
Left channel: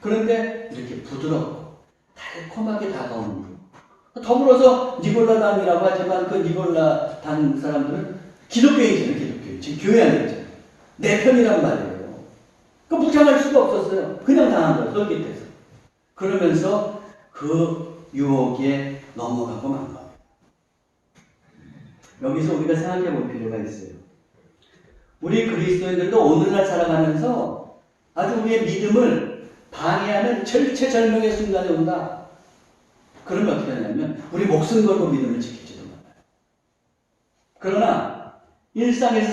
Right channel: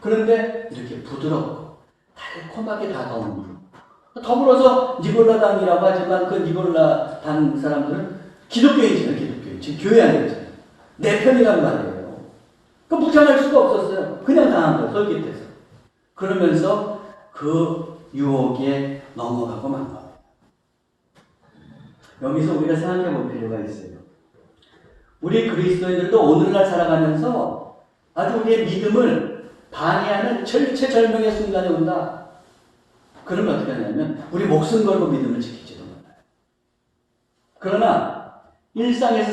그런데 이렇게 부드럽고 달콤하게 다가오는 일. 더불어서 니골라당이라고 하지만 그 니골라당 사람들은 기독교인이잖아요. 기독교인. 지금 교회 안에 있잖아요. 내 편이란 말이에요. 그 무장할 수가 없었어요. 그냥 당한 거예요. 솔깃해서. 그러면서 그 유혹에 넘어가고 만 겁니다. 여기서 우리가 생각해 볼 필요가 있어요. 우리 그리스도인들도 오늘날 살아가면서 아주 우리의 믿음을 방해하는 절체절명의 순간에 온다. 그러면 어떻게 하냐면 우리 목숨 걸고 믿음을 지킬지도 몰라요. 그러나 일상에서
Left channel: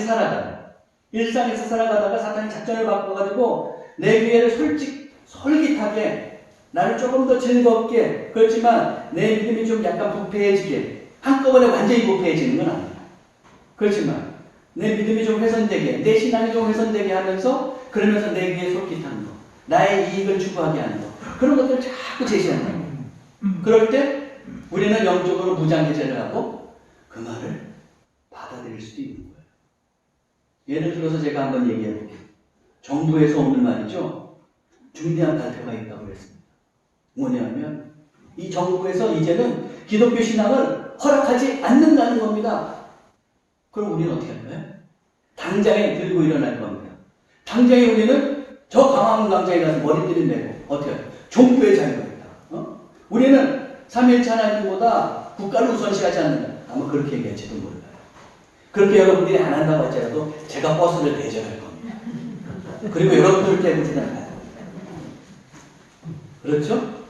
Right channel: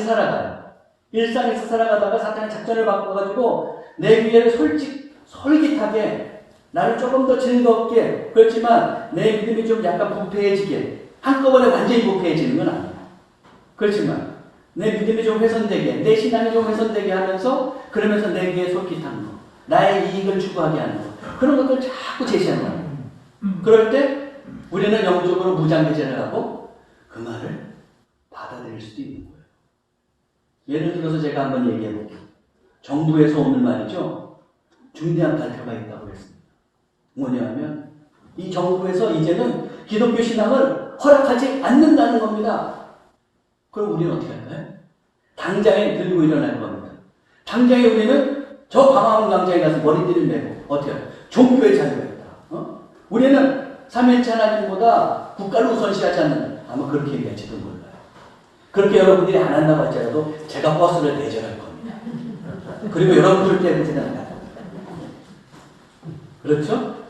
살아가다가 사탄이 작전을 바꿔가지고 내 귀에를 솔깃하게 나를 조금 더 즐겁게, 그렇지만 내 믿음이 좀 약간 부패해지게, 한꺼번에 완전히 부패해지는 건 아니야. 그렇지만 내 믿음이 좀 훼손되게, 내 신앙이 좀 훼손되게 하면서, 그러면서 내 귀에 솔깃한 거, 나의 이익을 추구하게 하는 거, 그런 것들을 자꾸 제시하는 거예요. 그럴 때 우리는 영적으로 무장해제를 하고 그 말을 받아들일 수도 있는 거예요. 예를 들어서 제가 한번 얘기해 볼게요. 정부에서 오는 말이죠. 중대한 발표가 있다고 그랬습니다. 뭐냐면 이 정부에서 이제는 기독교 신앙을 허락하지 않는다는 겁니다. 그럼 우리는 어떻게 할까요? 당장에 들고 일어날 겁니다. 당장에 우리는 저 광화문 광장에 가서 머리들을 메고 어떻게 할까요? 종교의 자유가 있다. 우리는 삼위일체 하나님보다 국가를 우선시하지 않는다. 아마 그렇게 얘기할지도 몰라요. 그렇게 여러분들이 안 한다고 할지라도 제가 버스를 대절할 겁니다. 그리고 여러분들 때문에 생각합니다. 그렇죠?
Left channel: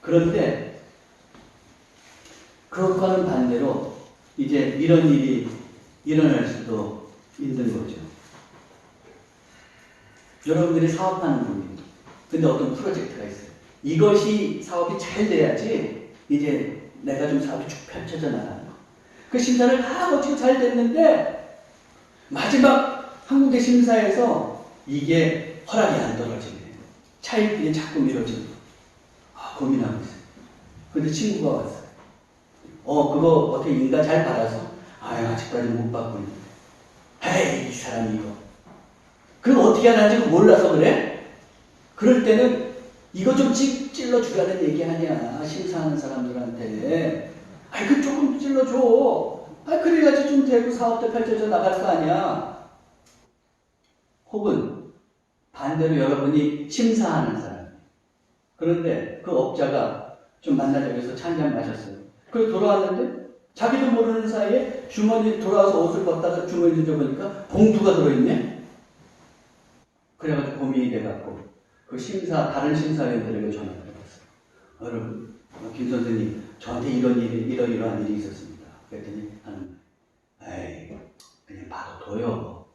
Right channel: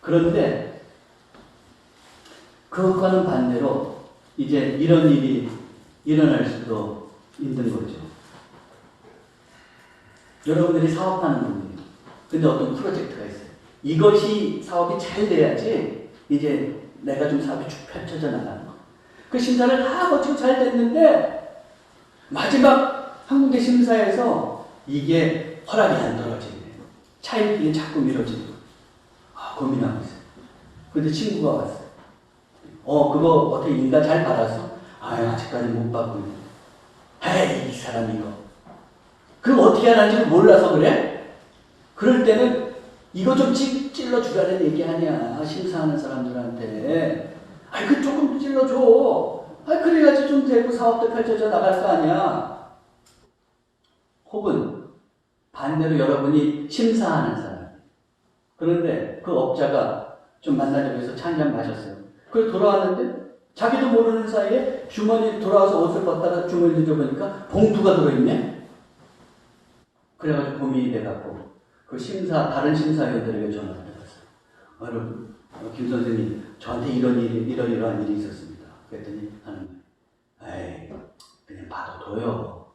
그런데 그것과는 반대로 이제 이런 일이 일어날 수도 있는 거죠. 여러분들이 사업하는 분입니다. 근데 어떤 프로젝트가 있어요. 이것이 사업이 잘 돼야지 이제 내가 좀 사업이 쭉 펼쳐져 나가는 거. 그 심사를 다 거치고 잘 됐는데 마지막 한 군데 심사에서 이게 허락이 안 떨어지네요. 차일피에 자꾸 미뤄지고 고민하고 있어요. 근데 친구가 왔어요. 그거 어떻게 인가 잘 받아서? 아직까지 못 받고 있는데. 에이, 이 사람 이거. 그럼 어떻게 하는지 몰라서 그래? 그럴 때는 이거 좀 찔러주라는 얘기 아니야. 심사하는 사람들한테. 그 조금 찔러줘. 그래야지 좀 되고 사업도 펼쳐져 나갈 거 아니야. 혹은 반대로 여러분이 심사하는 사람. 그런데 그 업자가 좀 만나자고 해서 차 한잔 마셨어요. 그래서 돌아왔는데 자기도 모르는 사이에 주머니 돌아와서 옷을 벗다가 주머니에 져보니까 봉투가 들어있네. 그래가지고 고민이 돼갖고 그 다른 심사위원들에게 전화를 해봤어요. 여러분, 김 선생님, 저한테 이러이러한 일이 있었습니다. 그랬더니 그냥 받아둬요.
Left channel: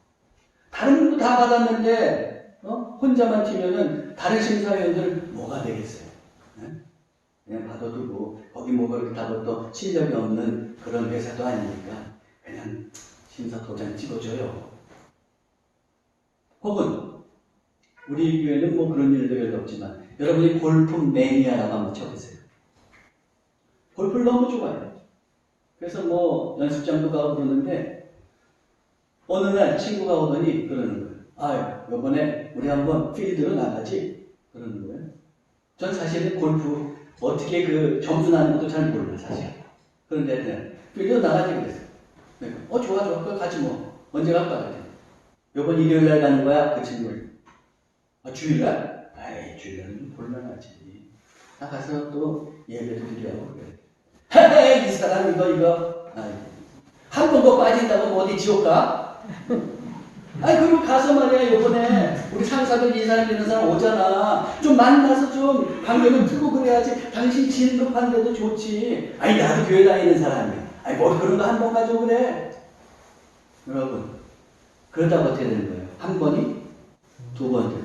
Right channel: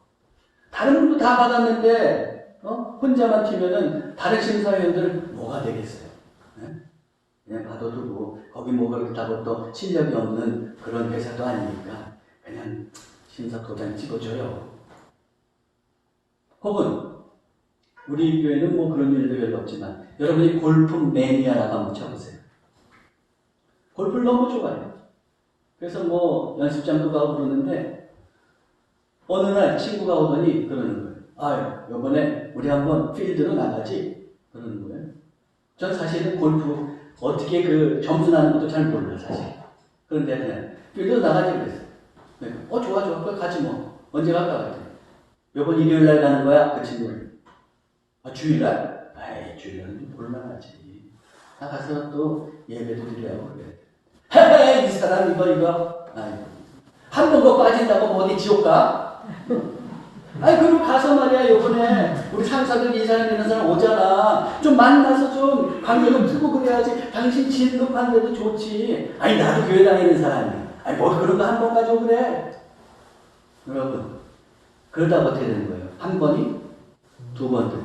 다른 분도 다 받았는데 혼자만 튀면은 다른 심사위원들 뭐가 되겠어요? 네? 그냥 받아두고 거기 뭐 그렇다고 또 실력이 없는 그런 회사도 아니니까 그냥 심사 도장 찍어줘요. 혹은 우리 교회는 뭐 그런 일도 별로 없지만 여러분이 골프 매니아라고 한번 쳐보세요. 골프를 너무 좋아해요. 그래서 뭐 연습장도 가고 그러는데 어느 날 친구가 오더니 그러는 거예요. 이번에 우리 한번 필드로 나가지? 그러는 거예요. 전 사실은 골프 어떻게 그 점수 나는 것도 잘 몰라요, 사실. 그런데 그냥 필드로 나가지 그랬어요. 네. 좋아. 그럼 같이 뭐 언제 갈까? 그랬더니 이번 일요일 날 가는 거야? 그 친구를. 주일날? 주일날은 좀 곤란하지. 나 가서 또 예배도 드리라고 그래. 이 사람 이거. 한 번 더 빠진다고 뭐 어디 지옥 가? 그리고 가서 말이야, 요번에 우리 상사들 이 사람 이런 사람 오잖아. 좀 만나서 좀 관계를 풀고 그래야지. 당신 진급한데도 좋지. 나도 교회 다니는 사람이야. 뭐 그런 거 한 번 가져 그래. 여러분, 그러다 어떻게 되는 거예요? 한 번이 두 번 되고,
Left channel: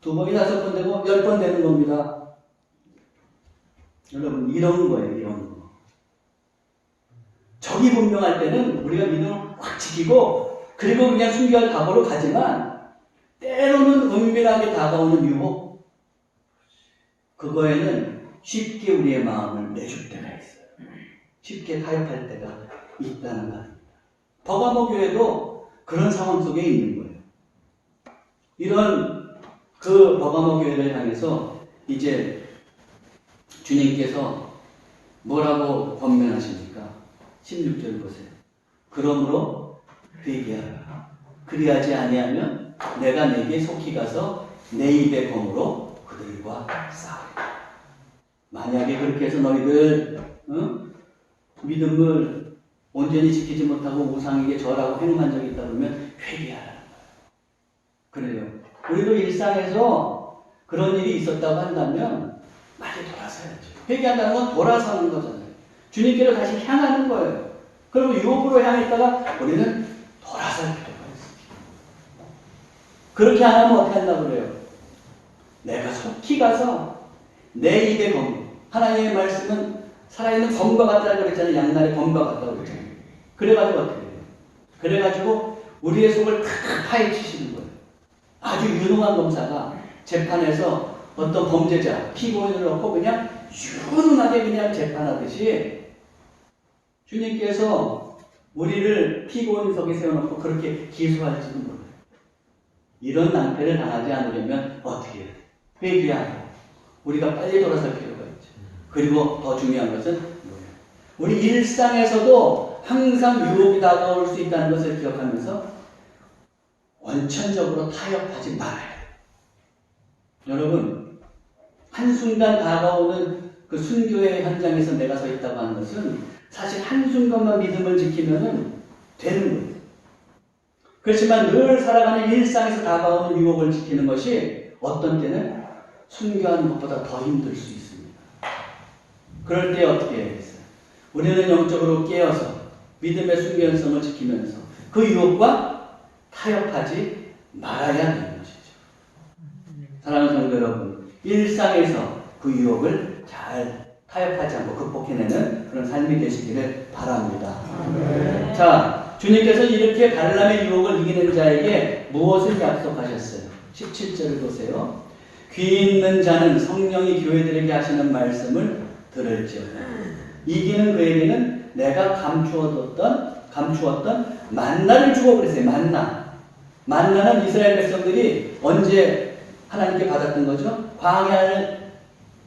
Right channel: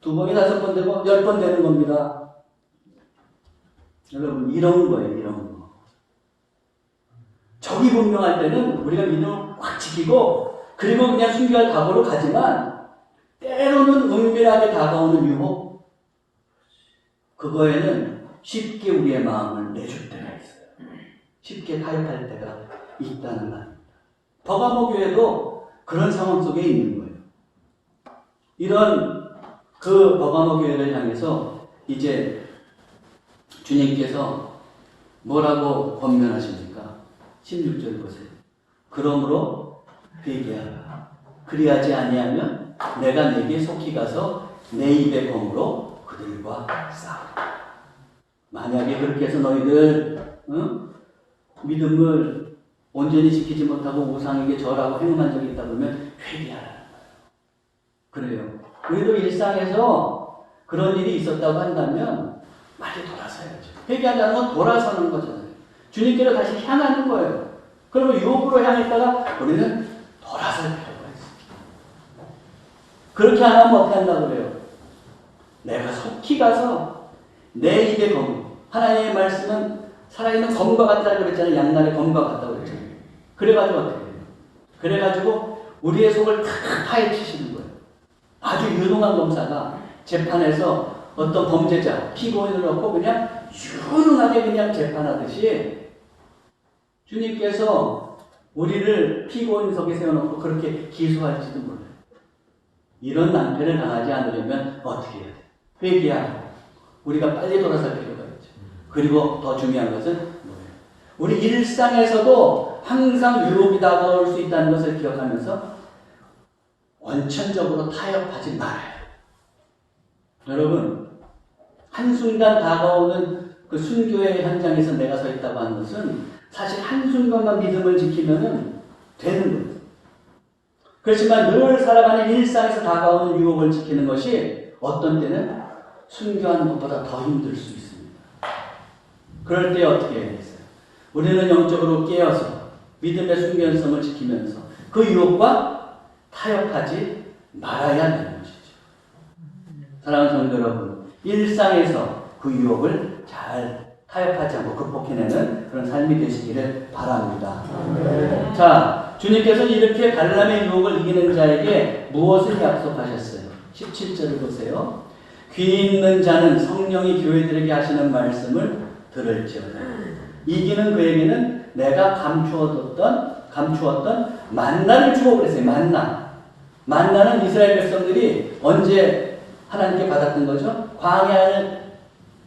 두 번이 다섯 번 되고, 10번 되는 겁니다. 여러분, 이런 거예요, 이런 거. 적이 분명할 때는 우리가 믿음을 꽉 지키고, 그리고 그냥 순결 각오로 가지만, 때로는 은밀하게 다가오는 유혹, 그거에는 쉽게 우리의 마음을 내줄 때가 있어요. 쉽게 가입할 때가 있다는 말입니다. 버가모 교회도 그런 상황 속에 있는 거예요. 이런 그 버가모 교회를 향해서 이제 주님께서 뭐라고 권면하십니까? 16절 보세요. 그러므로 회개하라. 그리하지 아니하면 내가 내게 속히 가서 내 입의 검으로 그들과 싸우리라. 만약에 그렇게 해서 너희들 믿음을 온전히 지키지 못하고 우상에게 절하고 행동한 적이 있다 보면 회개하라는 거예요. 그래요. 우리도 일상에서 그런 일이 있었다고 한다면 많이 돌아서야죠. 회개한다는 건 돌아서는 거잖아요. 주님께로 다시 향하는 거예요. 그러면 유혹으로 향했다가 우리는 돌아설 필요가 있습니다. 그렇게 안 하면 어떻게 한다고 그래요? 내가 속히 가서 내 입에 검. 하나님의 말씀은 살아있는 검과 같다고 그랬잖아요. 양날의 검과 같다고 그랬잖아요. 그래가지고 어떻게 돼요? 그래가지고 우리의 속을 다 파헤치시는 거예요. 아주 유능한 검사가 재판에서 어떤 범죄자, 피고인을 넣고 그냥 유능하게 그냥 재판하듯이 주님께서 우리를 피고인석에 세워놓고 그렇게 기소할지도 몰라요. 이런 낭패를 당하지 않으려면 어떻게 해야 돼요? 회개하고 우리가 빨리 돌아설 필요가 있죠. 그리고 더 중요한 것은 뭐예요? 우리 일상에서도 항상 유혹이 다가올 수 있다는 것을 기억하면서 원천적으로 타협하지 말아요. 여러분, 한순간 다가오는 그 순교의 현장에서 내가 서 있다고 하는 것은 사실 한순간만 믿음을 지키면 되는 거예요. 그렇지만 늘 살아가는 일상에서 다가오는 유혹을 지키는 것이 어떤 때는 순교하는 것보다 더 힘들 수 있습니다. 그럴 때 어떻게 해야겠어요? 우리는 영적으로 깨어서 믿음의 순결성을 지키면서 그 유혹과 타협하지 말아야 하는 것이죠. 사랑하는 성도 여러분, 일상에서 그 유혹을 잘 타협하지 않고 극복해내는 그런 삶이 되시기를 바랍니다. 네. 자, 주님께서는 이렇게 갈람의 유혹을 이기는 자에게 무엇을 약속하셨어요? 17절을 보세요. 귀 있는 자는 성령이 교회들에게 하시는 말씀을 들을지어다. 이기는 그에게는 내가 감추었던 만나를 주고 그랬어요. 만나는 이스라엘 백성들이 언제 하나님께 받았던 거죠? 광야를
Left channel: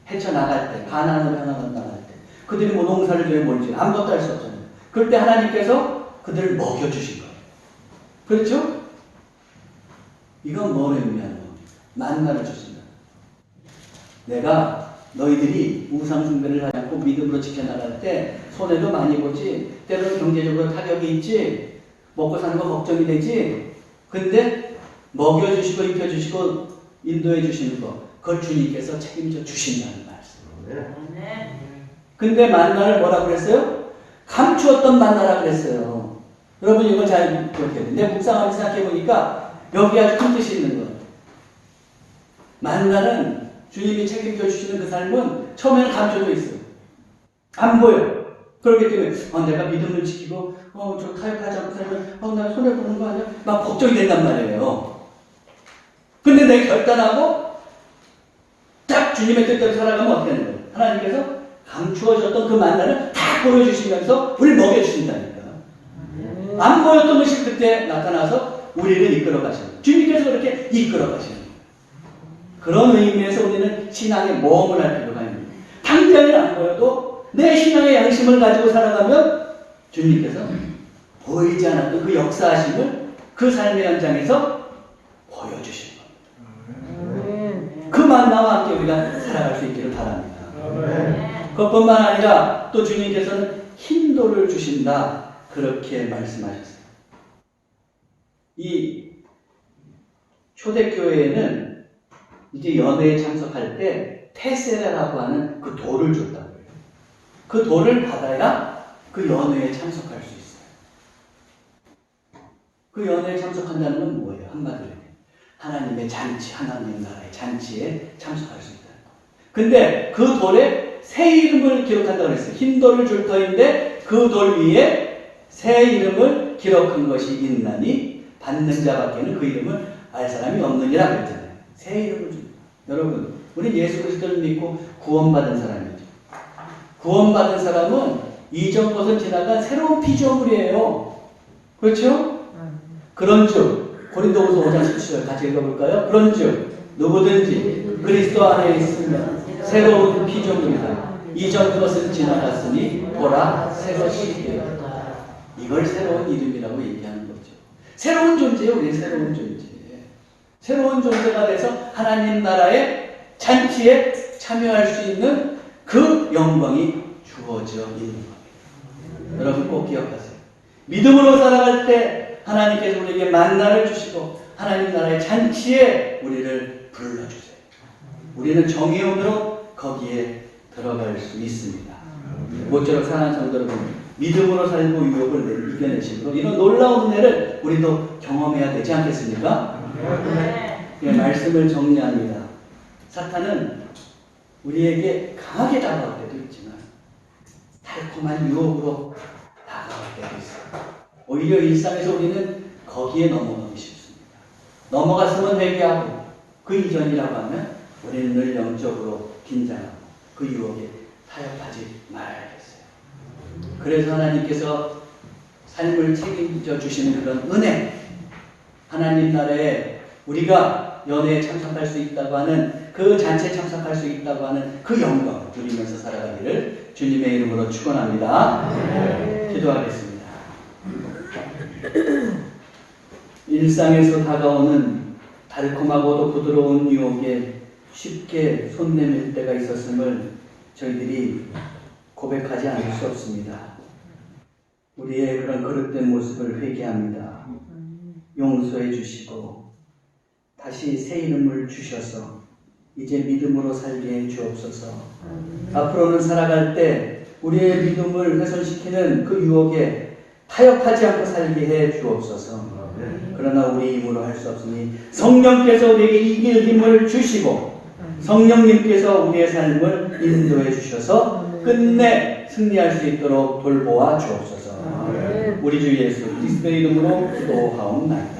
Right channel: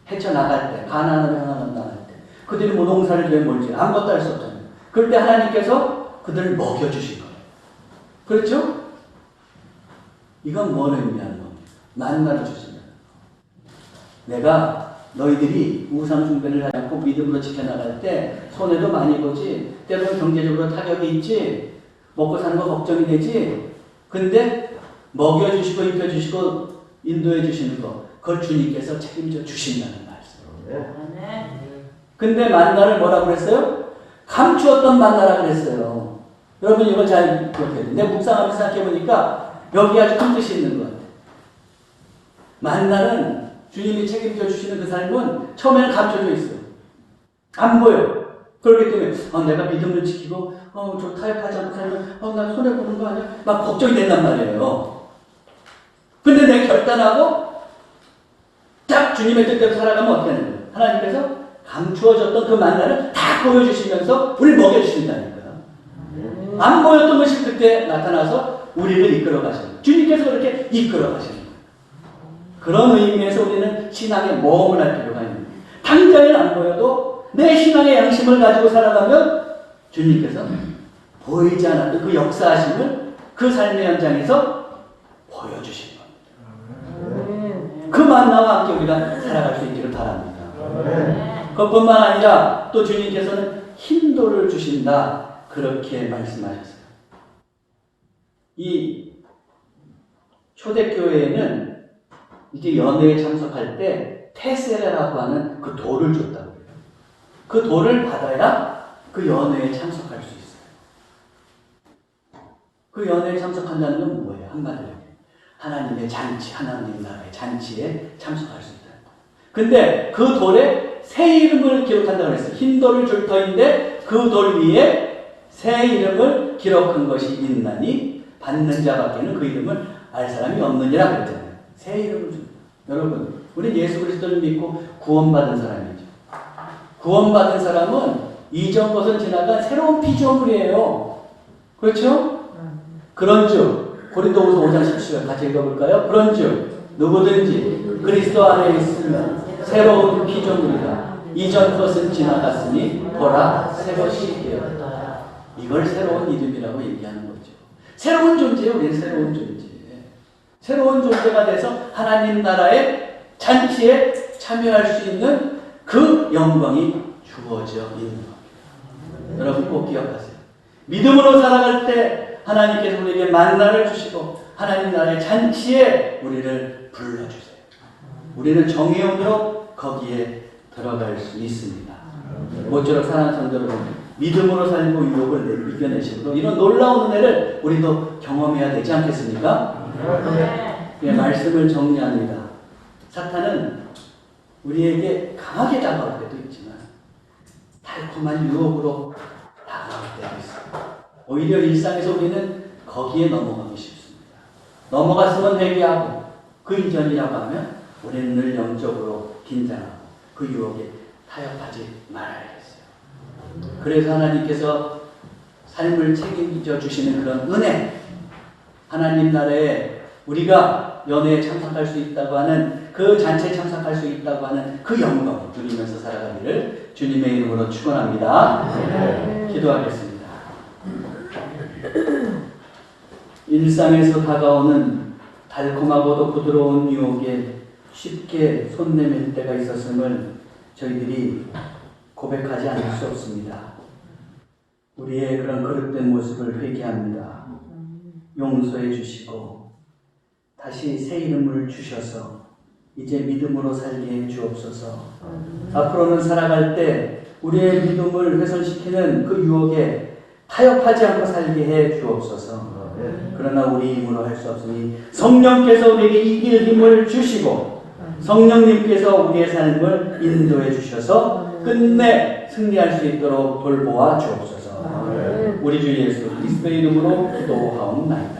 헤쳐나갈 때, 가나안으로 향하는 나갈 때, 그들이 뭐 농사를 왜 몰지 아무것도 할 수 없잖아요. 그럴 때 하나님께서 그들을 먹여주신 거예요. 그렇죠? 이건 뭐를 의미하는 겁니까? 만나를 주신다. 내가 너희들이 우상 숭배를 하지 않고 믿음으로 지켜나갈 때 손해도 많이 보지, 때로는 경제적으로 타격이 있지, 먹고 사는 거 걱정이 되지. 근데 먹여주시고 입혀주시고 인도해 주시는 거, 그걸 주님께서 책임져 주신다는 말씀. 근데 만나를 뭐라고 그랬어요? 감추었던 만나라 그랬어요. 여러분 이걸 잘 기억해야 돼요. 내 묵상하면서 생각해보니까 여기 아주 큰 뜻이 있는 것 같아요. 만나는 주님이 책임져 주시는 그 삶은 처음에는 감춰져 있어요. 안 보여요. 그렇기 때문에 내가 믿음을 지키고 저 타협하지 않고 살면 내가 손해보는 거 아니야? 막 걱정이 된단 말이에요. 근데 내가 결단하고 딱 주님의 뜻대로 살아가면 어떻게 하는 거예요? 하나님께서 감추어졌던 그 만나를 다 보여주시면서 우리를 먹여주신다니까요. 안 보였던 것이 그때 나타나서 우리를 이끌어 가시는 거예요. 주님께서 그렇게 이끌어 가시는 거예요. 그런 의미에서 우리는 신앙에 모험을 할 필요가 있는 거예요. 당장은 안 보여도 내 신앙의 양심을 가지고 살아가면 주님께서 보이지 않았던 그 역사하심을 그 삶의 현장에서 보여주시는 겁니다. 그 만나와 함께 우리가 살아갈 수 있기를 바랍니다. 그것뿐만 아니라 또 주님께서는 힘도를 주신다, 그렇게 말씀하셨어요. 이 초대교회에는 이제 연회에 참석할 때 테세라라고 하는 그 돌을 줬다고 해요. 그 돌을 받아야 그 연회에 참석할 수 있어요. 그 연회에 참석한다는 건 뭐예요? 한마디로 하나님의 잔치, 하나님 나라의 잔치에 참석할 수 있다는 거예요. 근데 그 돌에 새 이름을 기록한다고 했어요. 흰 돌을 줄 터인데 그 돌 위에 새 이름을 기록한 것이 있나니 받는 자밖에는 그 이름을 알 사람이 없느니라 그랬잖아요. 새 이름을 줍니다. 여러분, 우리 예수 그리스도를 믿고 구원받은 사람이죠. 구원받은 사람은 이전 것을 지나간 새로운 피조물이에요. 그렇죠? 그런즉 고린도후서 5장 17절 같이 읽어볼까요? 그런즉 누구든지 그리스도 안에 있으면 새로운 피조물이다. 이전 것은 지나갔으니 보라 새 것이 되었다. 이걸 새로운 이름이라고 얘기하는 거죠. 새로운 존재예요. 우리는 새로운 존재. 새로운 존재가 돼서 하나님 나라의 잔치에 참여할 수 있는 그 영광이 주어져 있는 겁니다. 여러분 꼭 기억하세요. 믿음으로 살아갈 때 하나님께서 우리에게 만나를 주시고 하나님 나라의 잔치에 우리를 불러주세요. 우리는 정의원으로 거기에 들어갈 수 있습니다. 모쪼록 사랑하는 성도 여러분, 믿음으로 살고 유혹을 이겨내시고 이런 놀라운 은혜를 우리도 경험해야 되지 않겠습니까? 예, 말씀을 정리합니다. 사탄은 우리에게 강하게 다가올 때도 있지만 달콤한 유혹으로 다가올 때도 있습니다. 오히려 일상에서 우리는 거기에 넘어가기 쉽습니다. 넘어갔으면 회개하고 그 이전이라고 하면 우리는 늘 영적으로 긴장하고 그 유혹에 타협하지 말아야겠어요. 그래서 하나님께서 삶을 책임져 주시는 그런 은혜, 하나님 나라에 우리가 연회에 참석할 수 있다고 하는 그 잔치에 참석할 수 있다고 하는 그 영광 누리면서 살아가기를 주님의 이름으로 축원합니다. 기도하겠습니다. 일상에서 다가오는 달콤하고도 부드러운 유혹에 쉽게 손 내밀 때가 있었음을 저희들이 고백하지 않을 수 없습니다. 우리의 그런 거룩된 모습을 회개합니다. 용서해 주시고 다시 새 이름을 주셔서 이제 믿음으로 살게 해 주옵소서. 앞으로는 살아갈 때 우리의 믿음을 훼손시키는 그 유혹에 타협하지 않고 살게 해 주옵소서. 그러나 우리 힘으로 할 수 없으니 성령께서 우리에게 이길 힘을 주시고 성령님께서 우리의 삶을 인도해 주셔서 끝내 승리할 수 있도록 돌보아 주옵소서. 우리 주 예수 그리스도의 이름으로 기도하옵나이다.